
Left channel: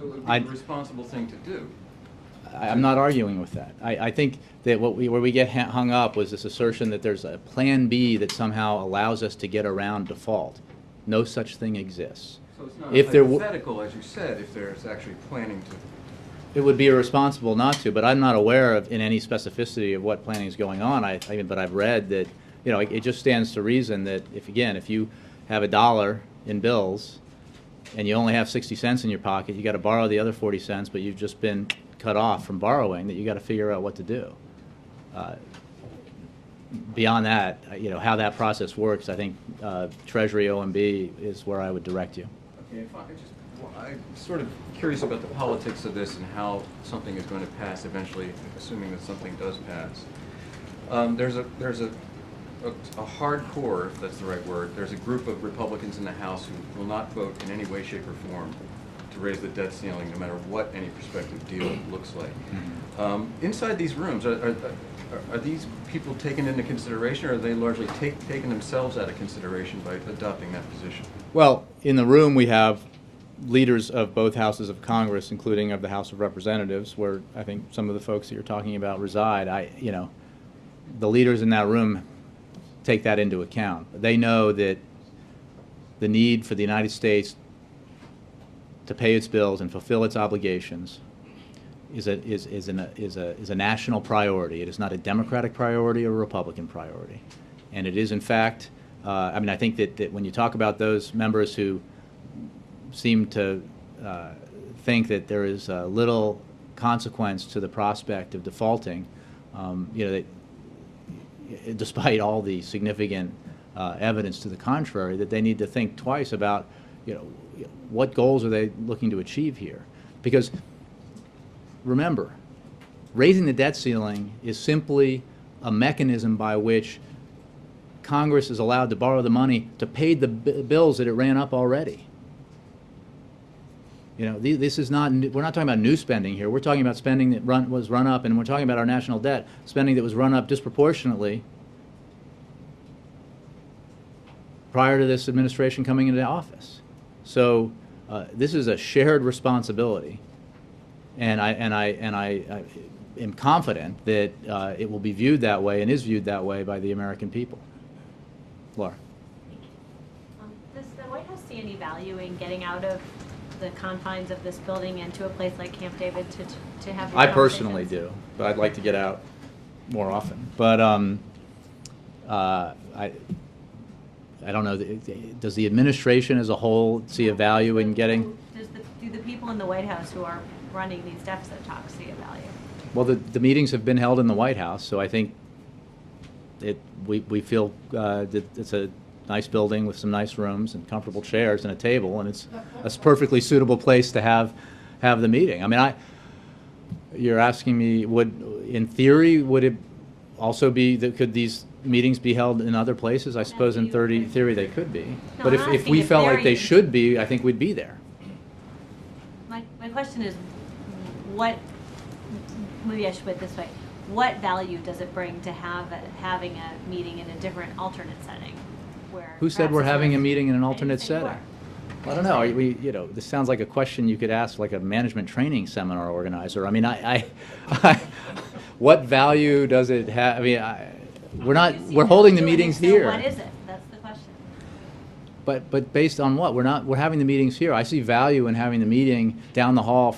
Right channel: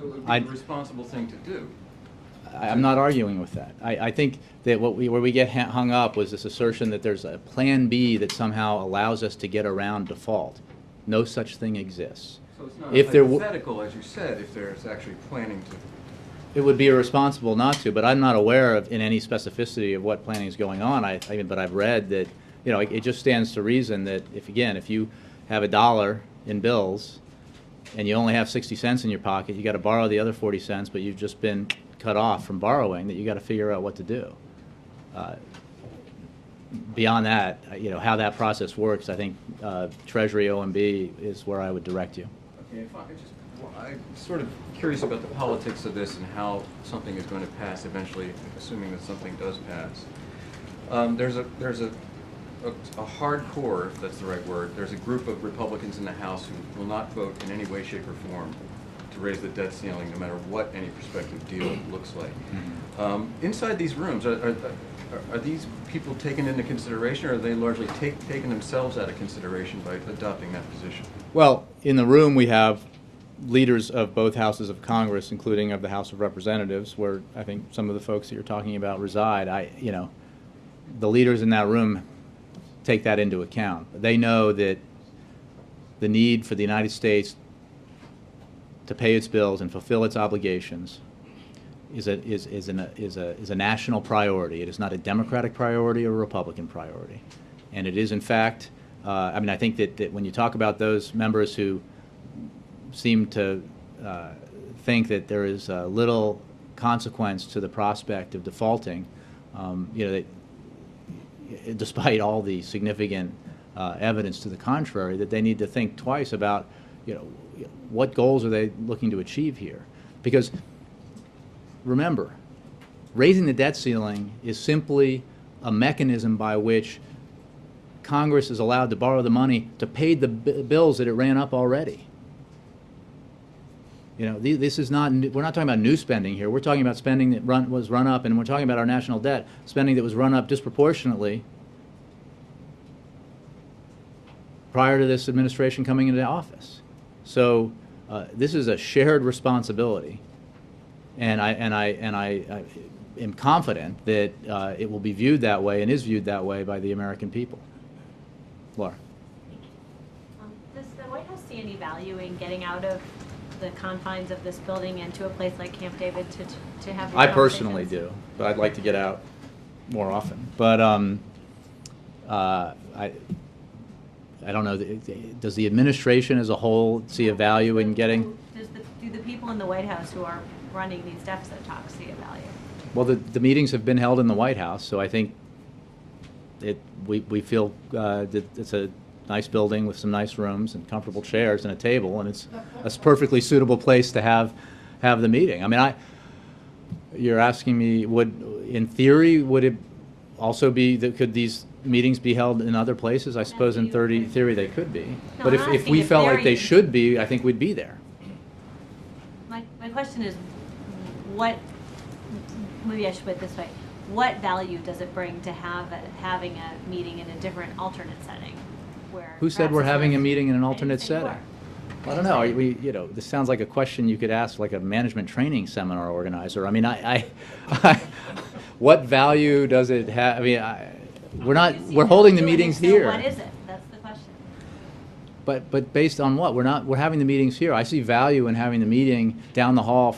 So it would be the responsible thing to do. I'm not arguing with that. I think that where we get hung up was this assertion that there's a plan B that somehow allows us to get around default. No such thing exists. So it's not If there hypothetical, as you said, if there's actually planning to. It would be irresponsible not to, but I'm not aware of in any specificity of what planning is going on. But I've read that, you know, it just stands to reason that if you have $1 in bills and you only have 60 cents in your pocket, you got to borrow the other 40 cents, but you've just been cut off from borrowing, that you got to figure out what to do. Beyond that, you know, how that process works, I think Treasury OMB is where I would direct you. Okay, I'm sort of curious about the politics of this and how something is going to pass eventually, assuming that something does pass. There's a hardcore, if that's the right word, there's a group of Republicans in the House who will not vote in any way, shape, or form to raise the debt ceiling, no matter what any prospective deal looks like. Inside these rooms, are these people taken into consideration, or are they largely taking themselves out of consideration by adopting that position? Well, in the room we have leaders of both houses of Congress, including of the House of Representatives, where I think some of the folks that you're talking about reside. You know, the leaders in that room take that into account. They know that the need for the United States to pay its bills and fulfill its obligations is a national priority. It is not a Democratic priority or a Republican priority, and it is, in fact. I mean, I think that when you talk about those members who seem to think that there is little consequence to the prospect of defaulting, you know, despite all the significant evidence to the contrary, that they need to think twice about, you know, what goals are they looking to achieve here? Because remember, raising the debt ceiling is simply a mechanism by which Congress is allowed to borrow the money to pay the bills that it ran up already. You know, this is not, we're not talking about new spending here. We're talking about spending that was run up, and we're talking about our national debt, spending that was run up disproportionately prior to this administration coming into office. So this is a shared responsibility, and I am confident that it will be viewed that way and is viewed that way by the American people. Laura. Does the White House see any value in getting out of the confines of this building and to a place like Camp David to have these I personally conversations? do, but I'd like to get out more often. But I don't know. Does the administration as a whole see a value in getting? Does the people in the White House who are running these deficit talks see a value? Well, the meetings have been held in the White House, so I think we feel that it's a nice building with some nice rooms and comfortable chairs and a table, and it's a perfectly suitable place to have the meeting. I mean, you're asking me, in theory, would it also be that could these meetings be held in other places? I suppose in theory they could be, but I'm if asking we if felt they're like they in- should be, I think we'd be there. My question is, maybe I should put it this way, what value does it bring to having a meeting in a different alternate setting? Who said we're perhaps it's having a worth- meeting in an I didn't alternate say you setting? were. I don't know. This sounds like a question you could ask like a management training seminar organizer. I mean, what value does it have? I mean, we're holding the meetings So here. what is it? That's the question. But based on what? We're having the meetings here. I see value in having the meeting down the hall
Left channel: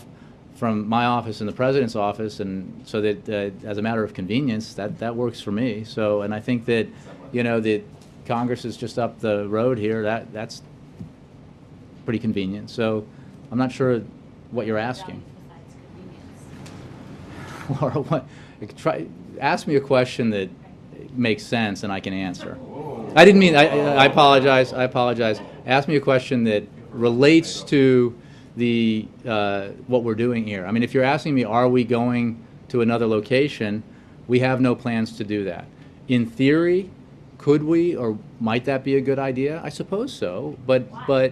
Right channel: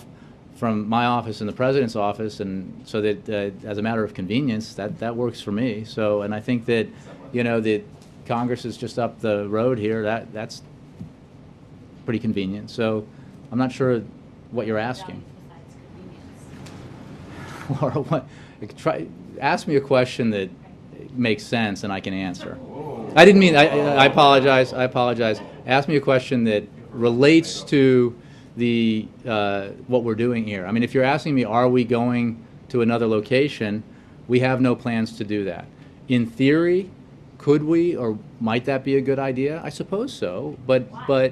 from my office and the president's office, and so that as a matter of convenience, that works for me. So, and I think that that Congress is just up the road here. That's pretty convenient. So, I'm not sure what you're asking. Besides convenience. Laura, ask me a question that makes sense and I can answer. I didn't mean. I apologize. Ask me a question that relates to the what we're doing here. I mean, if you're asking me, are we going to another location? We have no plans to do that. In theory, could we, or might that be a good idea? I suppose so. But Why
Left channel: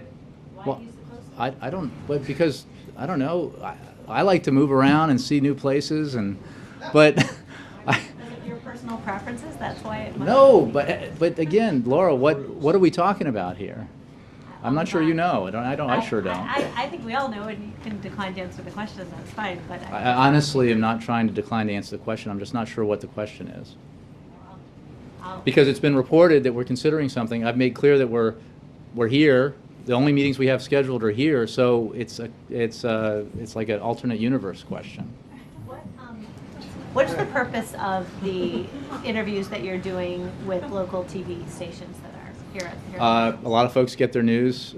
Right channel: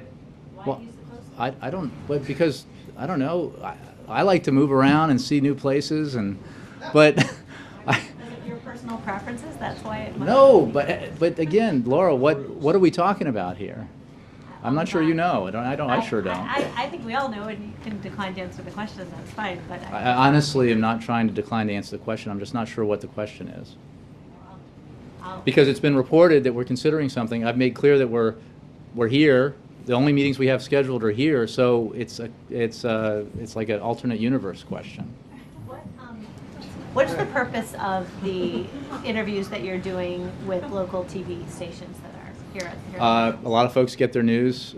well, use the close? I don't. But because I don't know. I like to move around and see new places, but. Is it your personal preferences? That's why it might. No, but again, Laura, what are we talking about here? I'm not sure you know. I sure don't. I think we all know, and you can decline to answer the question. That's fine. But I honestly am not trying to decline to answer the question. I'm just not sure what the question is. Because it's been reported that we're considering something. I've made clear that we're here. The only meetings we have scheduled are here, so it's like an alternate universe question. What's the purpose of the interviews that you're doing with local TV stations that are here? A lot of folks get their news,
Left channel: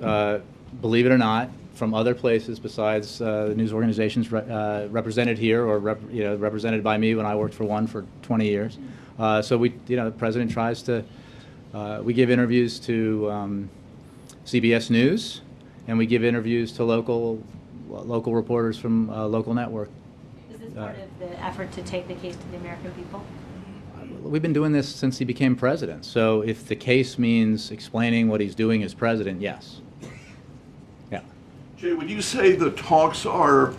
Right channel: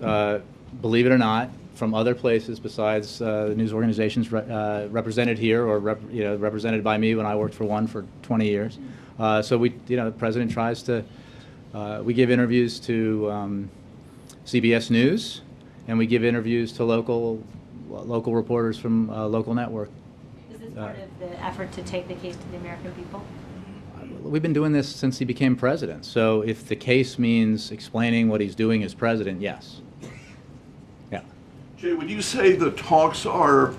believe it or not, from other places besides the news organizations represented here or represented by me when I worked for one for 20 years. So the president tries to. We give interviews to CBS News, and we give interviews to local reporters from local network. Is this part of the effort to take the case to the American people? We've been doing this since he became president. So if the case means explaining what he's doing as president, yes. Yeah. Jay, would you say the talks are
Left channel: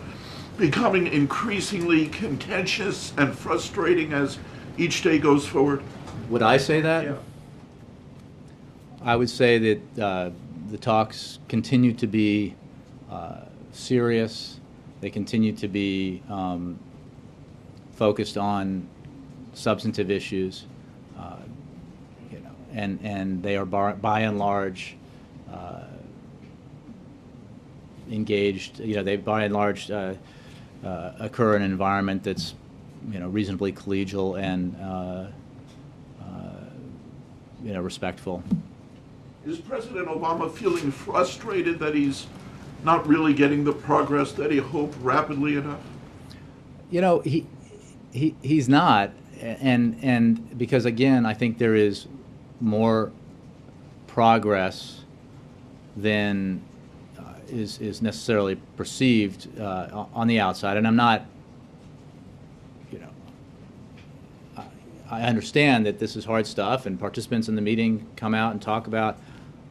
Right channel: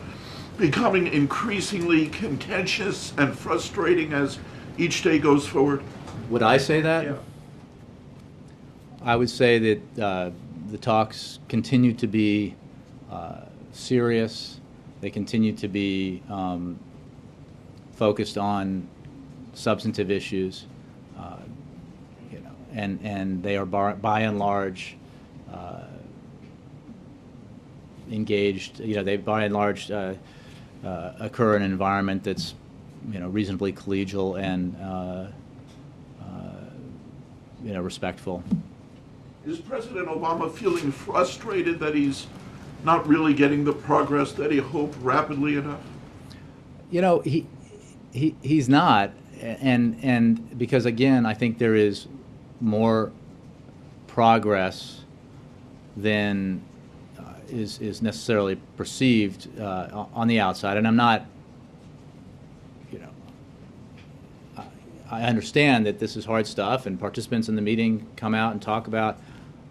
becoming increasingly contentious and frustrating as each day goes forward? Would I say that? Yeah. I would say that the talks continue to be serious. They continue to be focused on substantive issues, and they are by and large engaged. They by and large occur in an environment that's reasonably collegial and respectful. Is President Obama feeling frustrated that he's not really getting the progress that he hoped rapidly enough? He's not, and because again, I think there is more progress than is necessarily perceived on the outside, and I'm not. I understand that this is hard stuff, and participants in the meeting come out and talk about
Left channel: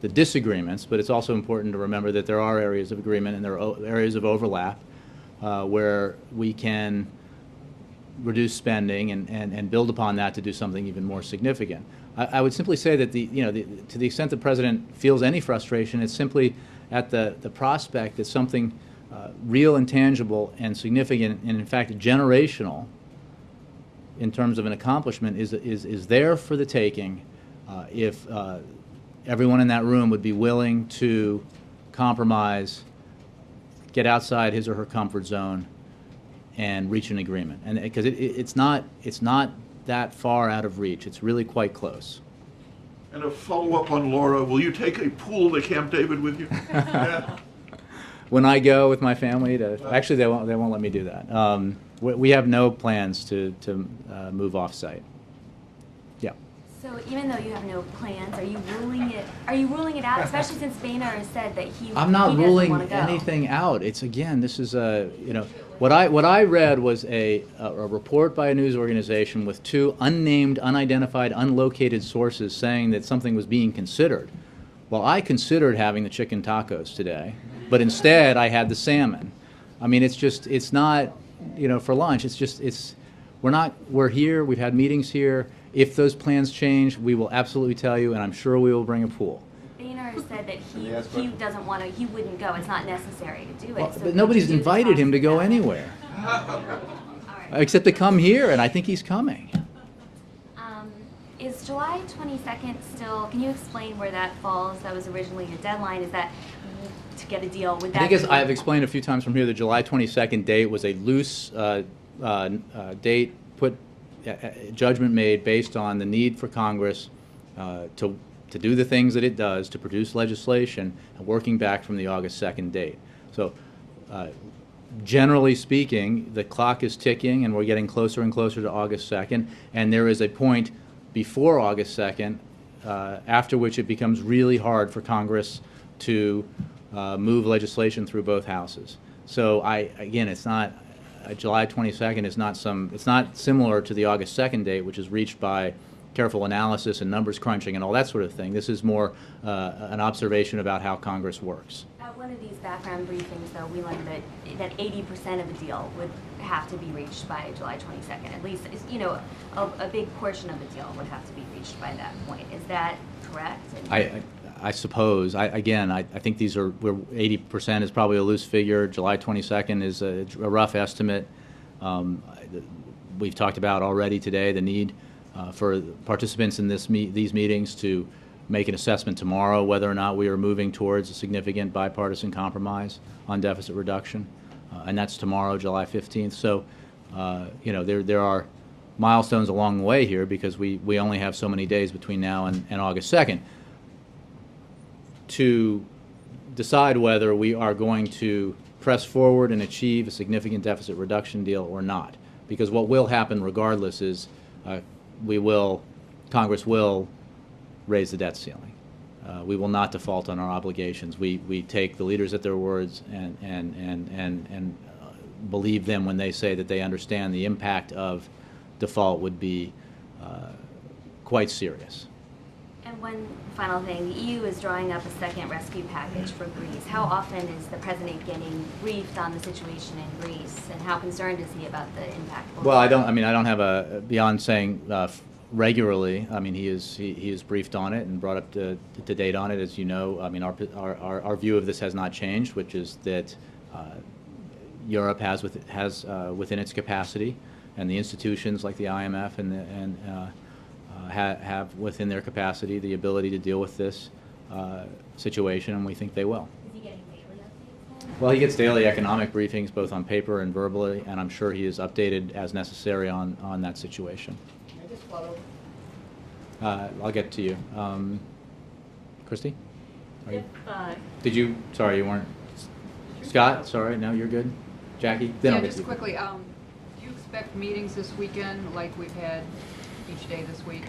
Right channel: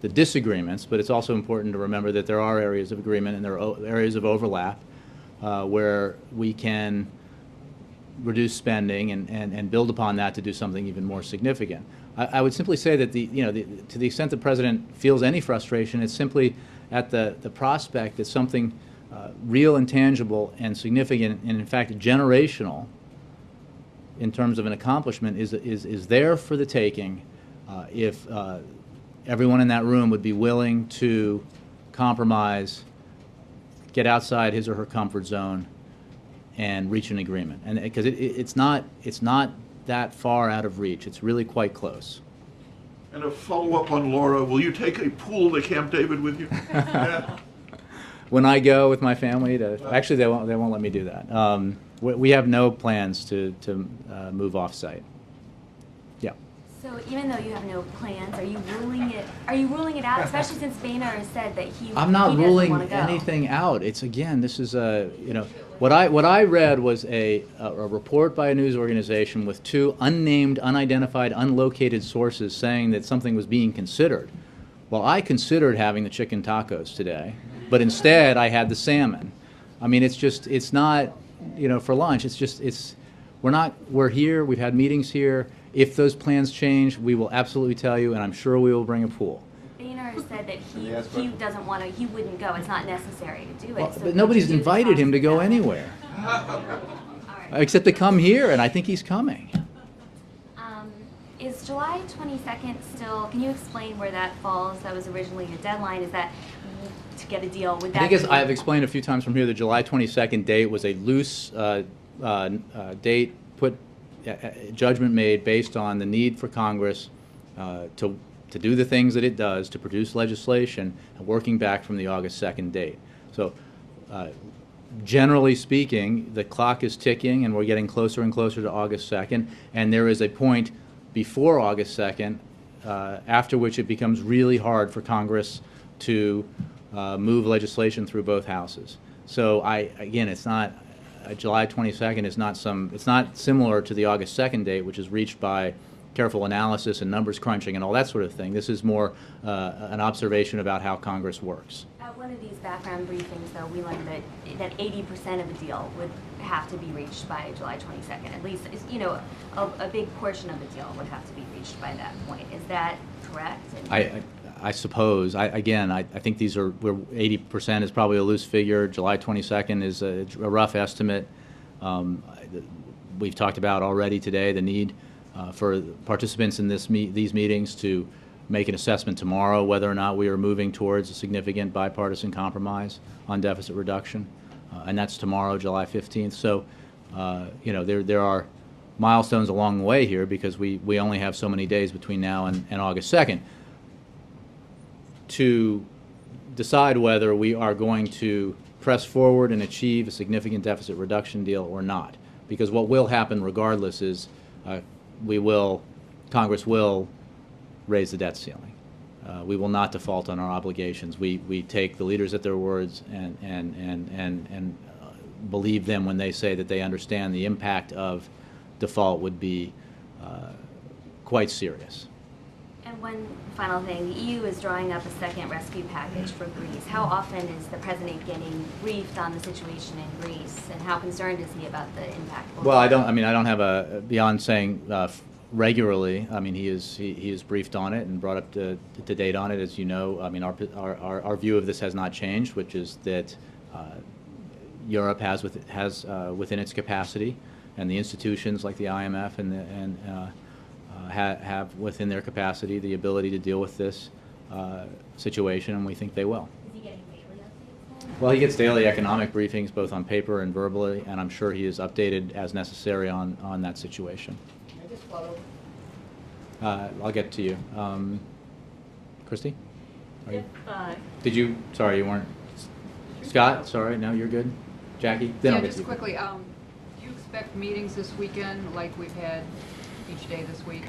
the disagreements, but it's also important to remember that there are areas of agreement and there are areas of overlap where we can reduce spending and build upon that to do something even more significant. I would simply say that to the extent the president feels any frustration, it's simply at the prospect that something real and tangible and significant and in fact generational in terms of an accomplishment is there for the taking if everyone in that room would be willing to compromise, get outside his or her comfort zone, and reach an agreement. And because it's not that far out of reach. It's really quite close. And a follow-up on Laura, will you take a pool to Camp David with you? when I go with my family to, actually they won't let me do that. We have no plans to move off-site. Yeah. So even though you have no plans, are you ruling it out, especially since Boehner has said that I'm not he ruling doesn't want to go? anything out. It's, again, this is a, what I read was a report by a news organization with two unnamed, unidentified, unlocated sources saying that something was being considered. Well, I considered having the chicken tacos today, but instead I had the salmon. I mean, it's not, for lunch. We're here. We've had meetings here. If those plans change, we will absolutely tell you, and I'm sure we will bring a pool. Boehner said that he doesn't want to. He wouldn't go. It's not necessary to do it. Well, so but nobody's invited him to go anywhere, except to come here, and I think he's coming. Is July 22nd still? Can you explain where that falls? That was originally your deadline. Is that to get a deal with that? I think I've explained a few times from here, the July 22nd date was a loose date, judgment made based on the need for Congress to do the things that it does, to produce legislation, and working back from the August 2nd date. So generally speaking, the clock is ticking, and we're getting closer and closer to August 2nd, and there is a point before August 2nd, after which it becomes really hard for Congress to move legislation through both houses. So again, it's not July 22nd is not it's not similar to the August 2nd date, which is reached by careful analysis and numbers crunching and all that sort of thing. This is more an observation about how Congress works. At one of these background briefings, though, we learned that 80% of the deal would have to be reached by July 22nd. At least, a big portion of the deal would have to be reached by that point. Is that correct? I suppose. I think these are 80% is probably a loose figure. July 22nd is a rough estimate. We've talked about already today the need for participants in these meetings to make an assessment tomorrow whether or not we are moving towards a significant bipartisan compromise on deficit reduction, and that's tomorrow, July 15th. So, there are milestones along the way here because we only have so many days between now and August 2nd. To decide whether we are going to press forward and achieve a significant deficit reduction deal or not. Because what will happen regardless is Congress will raise the debt ceiling. We will not default on our obligations. We take the leaders at their words and believe them when they say that they understand the impact of default would be quite serious. And one final thing, the EU is drawing up a second rescue package for Greece. How often is the president getting briefed on the situation in Greece, and how concerned is he about the impact? Well, I don't have beyond saying regularly. I mean, he is briefed on it and brought up to date on it. As you know, I mean, our view of this has not changed, which is that Europe has within its capacity, and the institutions like the IMF have within their capacity the ability to deal with this situation, and we think they will. Is he getting daily updates? Well, he gets daily economic briefings, both on paper and verbally, and I'm sure he is updated as necessary on that situation. Can I just follow? I'll get to you. Christy? If, Sorry, you weren't. Scott, sorry, no, you're good. Jackie? Then I'll get just to you. quickly, do you expect meetings this weekend like we've had each day this week?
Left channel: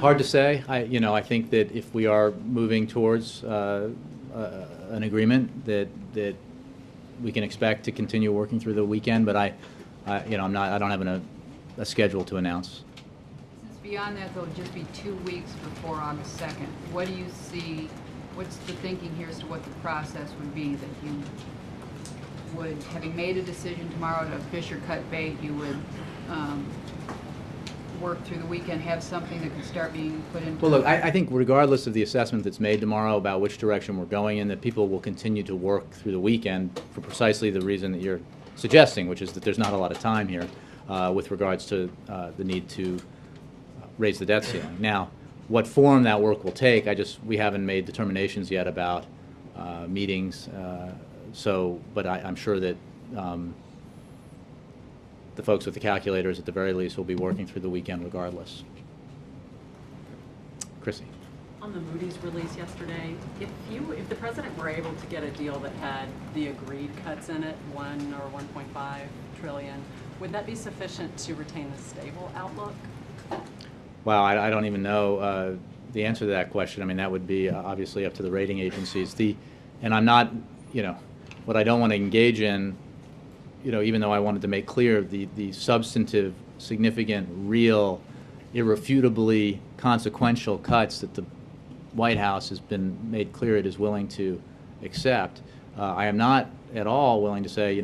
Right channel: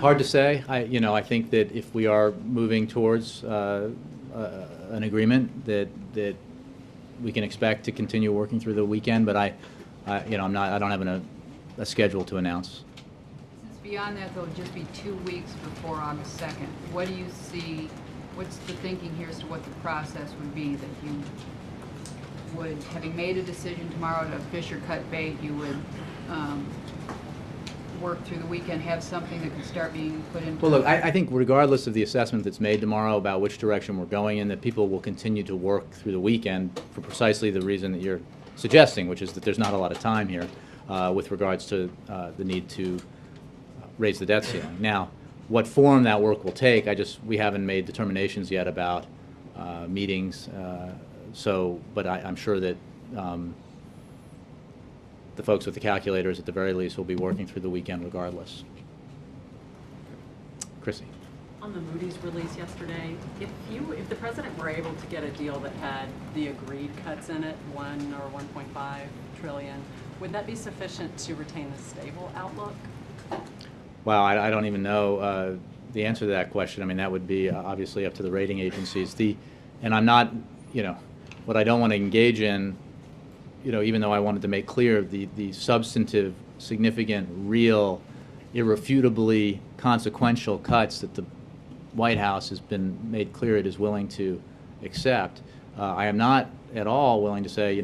Hard to say. I think that if we are moving towards an agreement, that we can expect to continue working through the weekend. But I don't have a schedule to announce. Since beyond that, there'll just be 2 weeks before August 2nd. What do you see? What's the thinking here as to what the process would be that you would, having made a decision tomorrow to fish or cut bait, you would work through the weekend, have something that could start being put into... Well, look, I think regardless of the assessment that's made tomorrow about which direction we're going in, that people will continue to work through the weekend for precisely the reason that you're suggesting, which is that there's not a lot of time here with regards to the need to raise the debt ceiling. Now, what form that work will take, we haven't made determinations yet about meetings, but I'm sure that the folks with the calculators at the very least will be working through the weekend regardless. Chrissy. On the Moody's release yesterday, if the president were able to get a deal that had the agreed cuts in it, 1 or 1.5 trillion, would that be sufficient to retain the stable outlook? Well, I don't even know the answer to that question. I mean, that would be obviously up to the rating agencies. And I'm not, what I don't want to engage in, even though I wanted to make clear the substantive, significant, real, irrefutably consequential cuts that the White House has been made clear it is willing to accept. I am not at all willing to say,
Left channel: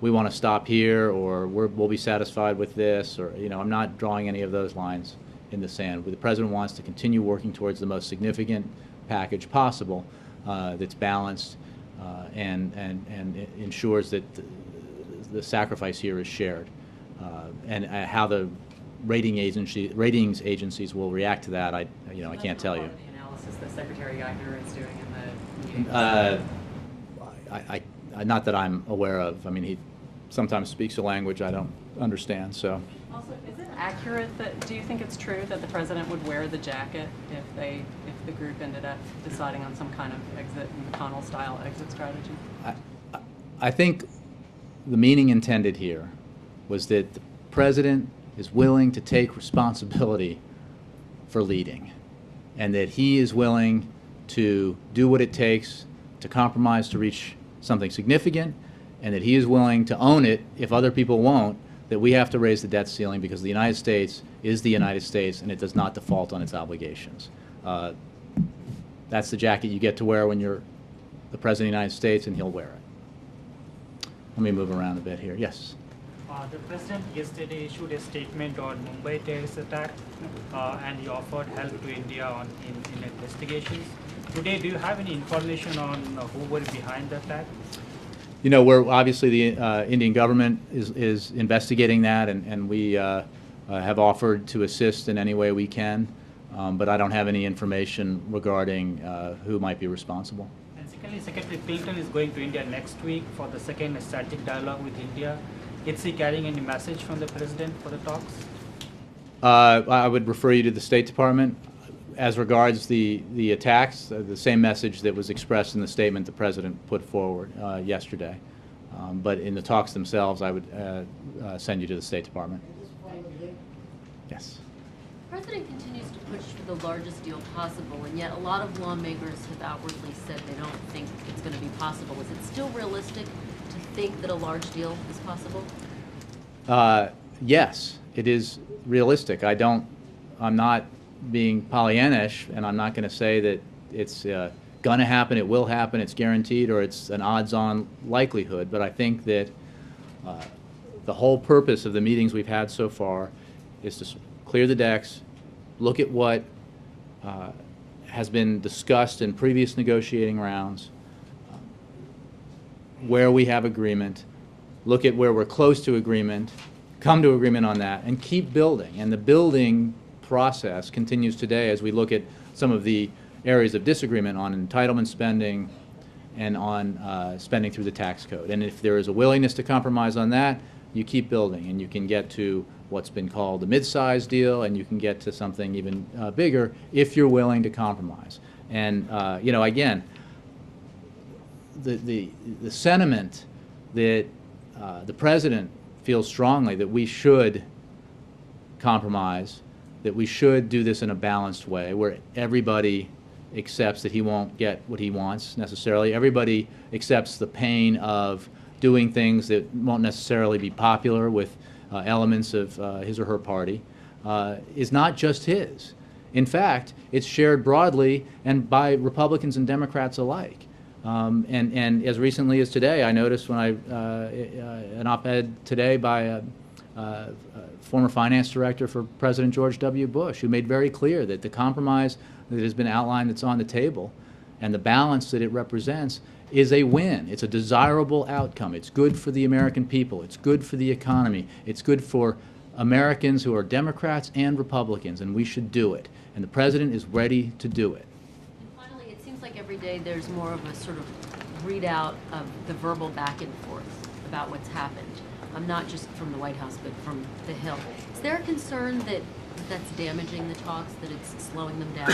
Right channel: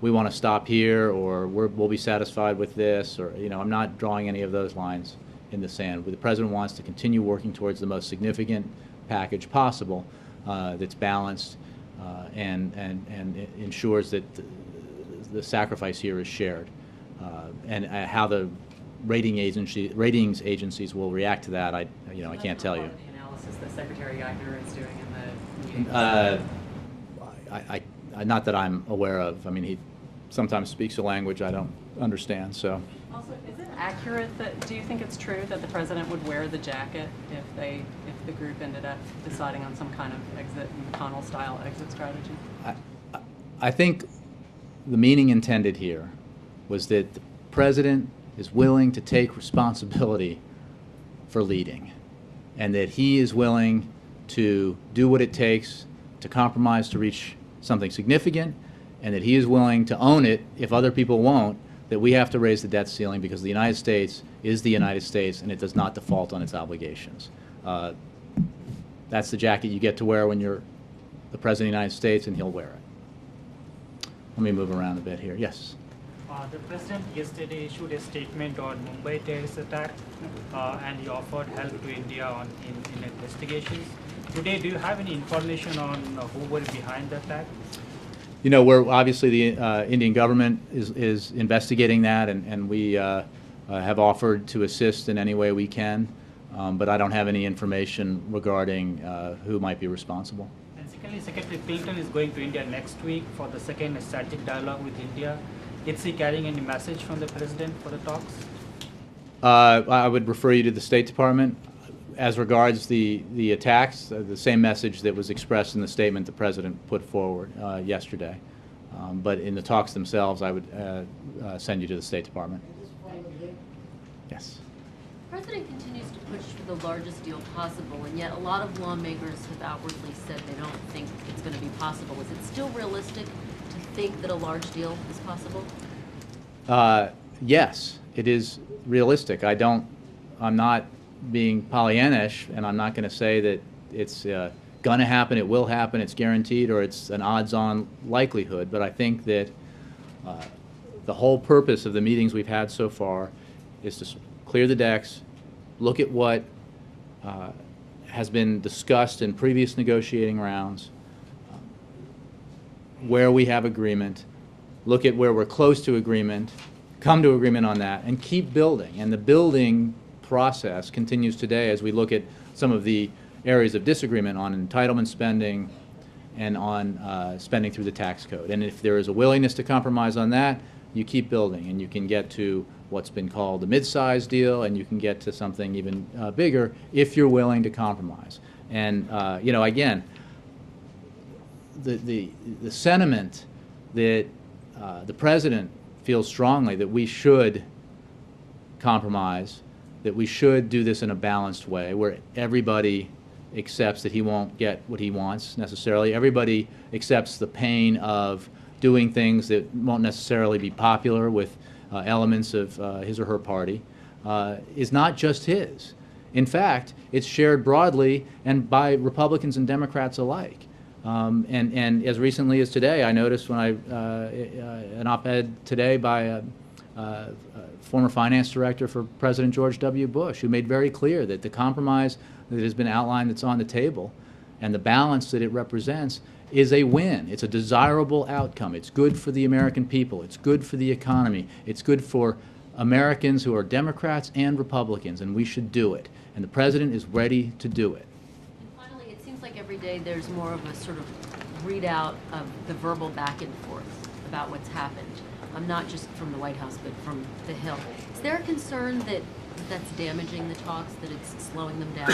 we want to stop here, or we'll be satisfied with this, or I'm not drawing any of those lines in the sand. The president wants to continue working towards the most significant package possible that's balanced and ensures that the sacrifice here is shared. And how the ratings agencies will react to that, I can't tell you. The analysis that Secretary Geithner is doing in the meeting. Not that I'm aware of. I mean, he sometimes speaks a language I don't understand. So. Also, is it accurate do you think it's true that the president would wear the jacket if the group ended up deciding on some kind of exit, McConnell-style exit strategy? I think the meaning intended here was that the president is willing to take responsibility for leading, and that he is willing to do what it takes to compromise to reach something significant, and that he is willing to own it if other people won't, that we have to raise the debt ceiling because the United States is the United States and it does not default on its obligations. That's the jacket you get to wear when you're the President of the United States, and he'll wear it. Let me move around a bit here. Yes? The President yesterday issued a statement on Mumbai terrorist attack and he offered help to India in investigations. Today, do you have any information on who was behind the attack? We're obviously the Indian government is investigating that, and we have offered to assist in any way we can, but I don't have any information regarding who might be responsible. And secondly, Secretary Clinton is going to India next week for the second strategic dialogue with India. Is he carrying any message from the president for the talks? I would refer you to the State Department. As regards the attacks, the same message that was expressed in the statement the president put forward yesterday. But in the talks themselves, I would send you to the State Department. Yes. The president continues to push for the largest deal possible, and yet a lot of lawmakers have outwardly said they don't think it's going to be possible. Is it still realistic to think that a large deal is possible? Yes, it is realistic. I'm not being Pollyannish, and I'm not going to say that it's going to happen, it will happen, it's guaranteed, or it's an odds-on likelihood. But I think that the whole purpose of the meetings we've had so far is to clear the decks, look at what has been discussed in previous negotiating rounds, where we have agreement, look at where we're close to agreement, come to agreement on that, and keep building. And the building process continues today as we look at some of the areas of disagreement on entitlement spending and on spending through the tax code. And if there is a willingness to compromise on that, you keep building, and you can get to what's been called a mid-size deal, and you can get to something even bigger if you're willing to compromise. And again, the sentiment that the president feels strongly that we should compromise, that we should do this in a balanced way where everybody accepts that he won't get what he wants necessarily. Everybody accepts the pain of doing things that won't necessarily be popular with elements of his or her party, is not just his. In fact, it's shared broadly and by Republicans and Democrats alike. And as recently as today, I noticed when an op-ed today by former finance director for President George W. Bush, who made very clear that the compromise that has been outlined that's on the table and the balance that it represents is a win. It's a desirable outcome. It's good for the American people. It's good for the economy. It's good for Americans who are Democrats and Republicans, and we should do it. And the president is ready to do it. Finally, it seems like every day there's more of a sort of readout of the verbal back and forth about what's happened. Not just from the White House, but from the Hill. Is there a concern that that's damaging the talks, that it's slowing them down,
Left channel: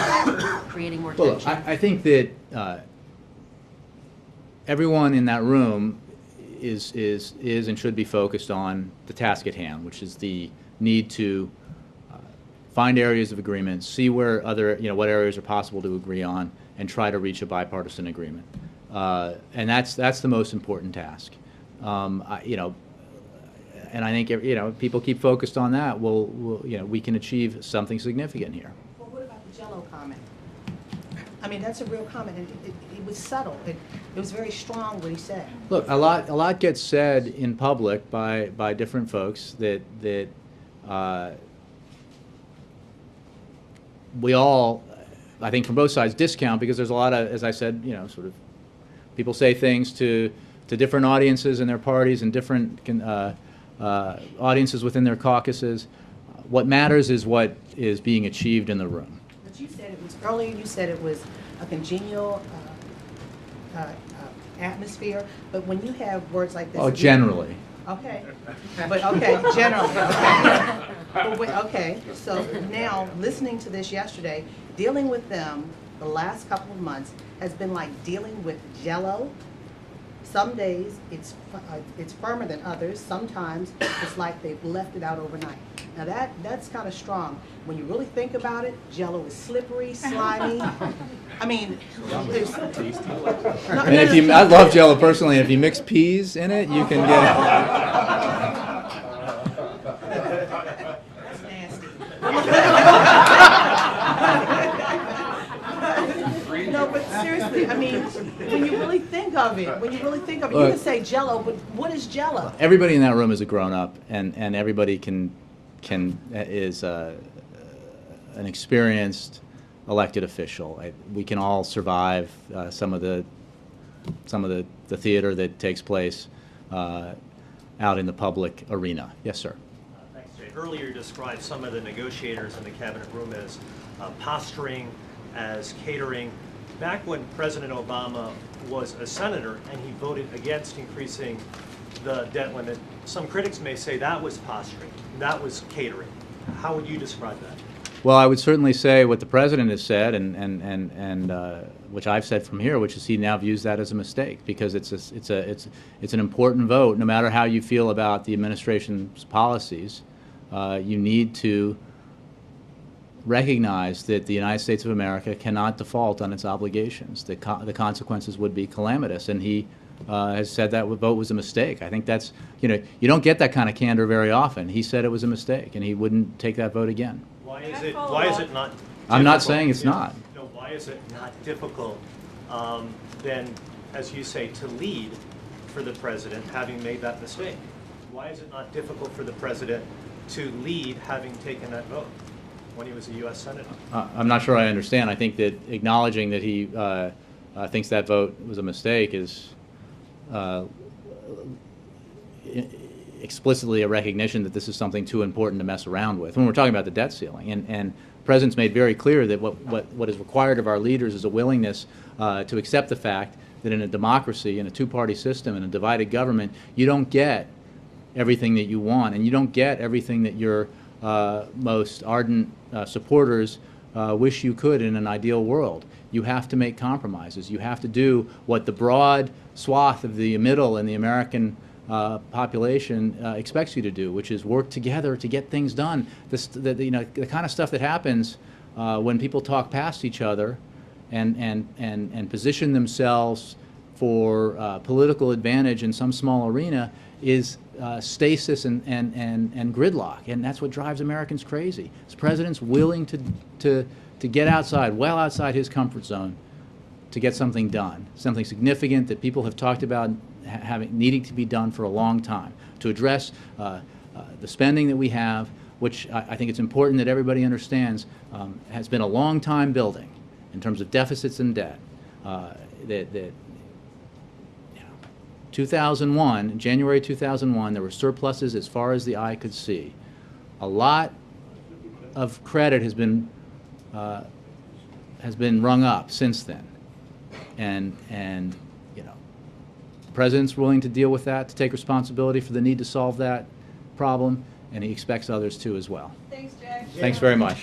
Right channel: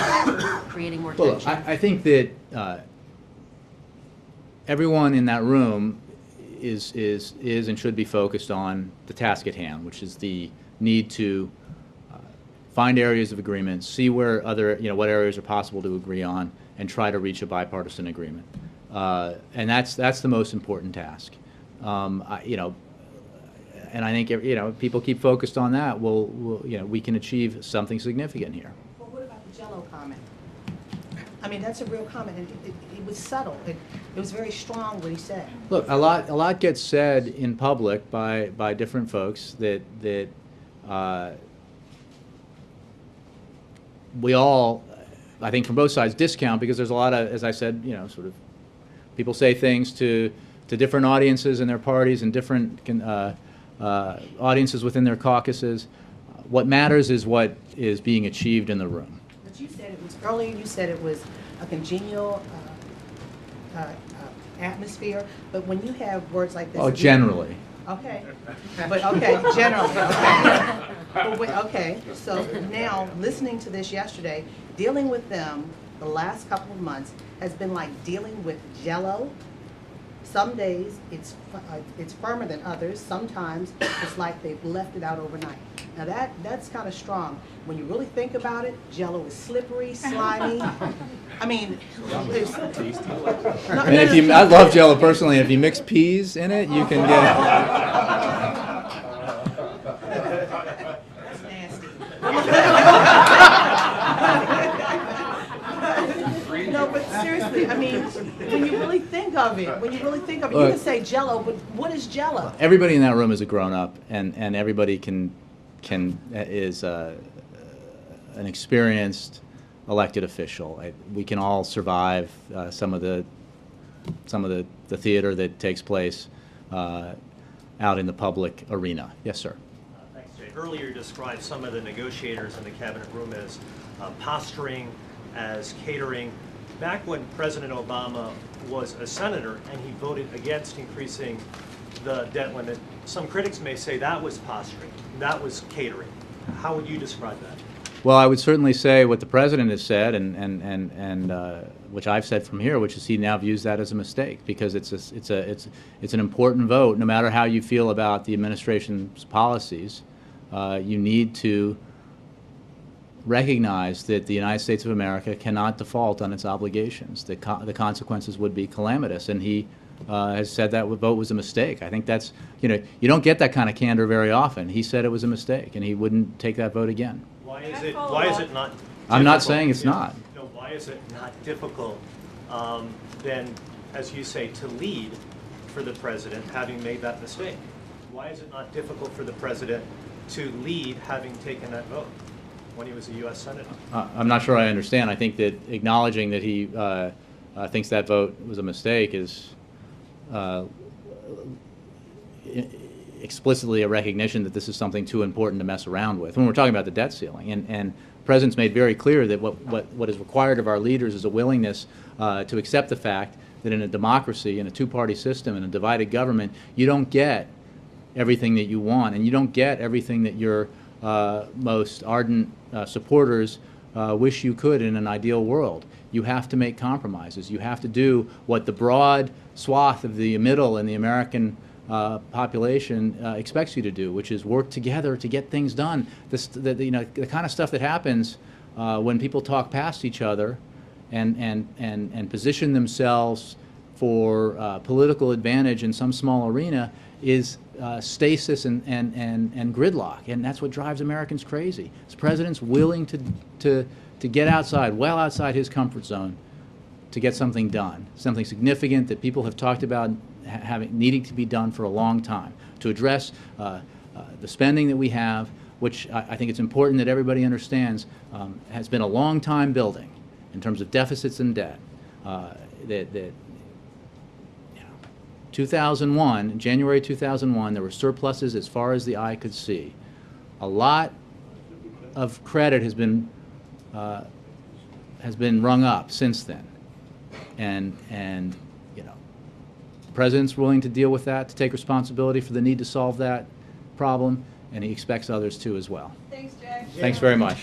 creating more Well, tension? I think that everyone in that room is and should be focused on the task at hand, which is the need to find areas of agreement, see where what areas are possible to agree on, and try to reach a bipartisan agreement. And that's the most important task. And I think people keep focused on that. We can achieve something significant here. Well, what about the Jell-O comment? I mean, that's a real comment, and it was subtle. It was very strong what he said. Look, a lot gets said in public by different folks that we all, I think, from both sides, discount, because there's a lot of, as I said, sort of people say things to different audiences in their parties and different audiences within their caucuses. What matters is what is being achieved in the room. But you said it was earlier. You said it was a congenial atmosphere. But when you have words like this, Generally. Okay, but okay, generally. Okay. Okay, so now listening to this yesterday, dealing with them the last couple of months has been like dealing with Jell-O. Some days it's firmer than others. Sometimes it's like they've left it out overnight. Now that's kind of strong. When you really think about it, Jell-O is slippery, slimy. I mean, I love Jell-O personally. If you mix peas in it, you can get it. That's nasty. No, but seriously, I mean, when you really think of it, you can say Jell-O, but what is Jell-O? Everybody in that room is a grown-up, and everybody is an experienced elected official. We can all survive some of the theater that takes place out in the public arena. Yes, sir. Thanks, Jay. Earlier you described some of the negotiators in the cabinet room as posturing, as catering. Back when President Obama was a senator and he voted against increasing the debt limit, some critics may say that was posturing, that was catering. How would you describe that? Well, I would certainly say what the president has said, and which I've said from here, which is he now views that as a mistake, because it's an important vote. No matter how you feel about the administration's policies, you need to recognize that the United States of America cannot default on its obligations. The consequences would be calamitous, and he has said that vote was a mistake. I think that's, you don't get that kind of candor very often. He said it was a mistake, and he wouldn't take that vote again. Why is it not difficult? I'm not saying it's not. No, why is it not difficult then, as you say, to lead for the president having made that mistake? Why is it not difficult for the president to lead having taken that vote when he was a U.S. Senator? I'm not sure I understand. I think that acknowledging that he thinks that vote was a mistake is explicitly a recognition that this is something too important to mess around with. When we're talking about the debt ceiling, and the President's made very clear that what is required of our leaders is a willingness to accept the fact that in a democracy, in a two-party system, in a divided government, you don't get everything that you want, and you don't get everything that your most ardent supporters wish you could in an ideal world. You have to make compromises. You have to do what the broad swath of the middle and the American population expects you to do, which is work together to get things done. The kind of stuff that happens when people talk past each other and position themselves for political advantage in some small arena is stasis and gridlock, and that's what drives Americans crazy. This president's willing to get outside, well outside his comfort zone, to get something done, something significant that people have talked about needing to be done for a long time, to address the spending that we have, which I think it's important that everybody understands has been a long time building in terms of deficits and debt. 2001, January 2001, there were surpluses as far as the eye could see. A lot of credit has been rung up since then, and the president's willing to deal with that, to take responsibility for the need to solve that problem, and he expects others to as well. Thanks, Jay. Thanks very much.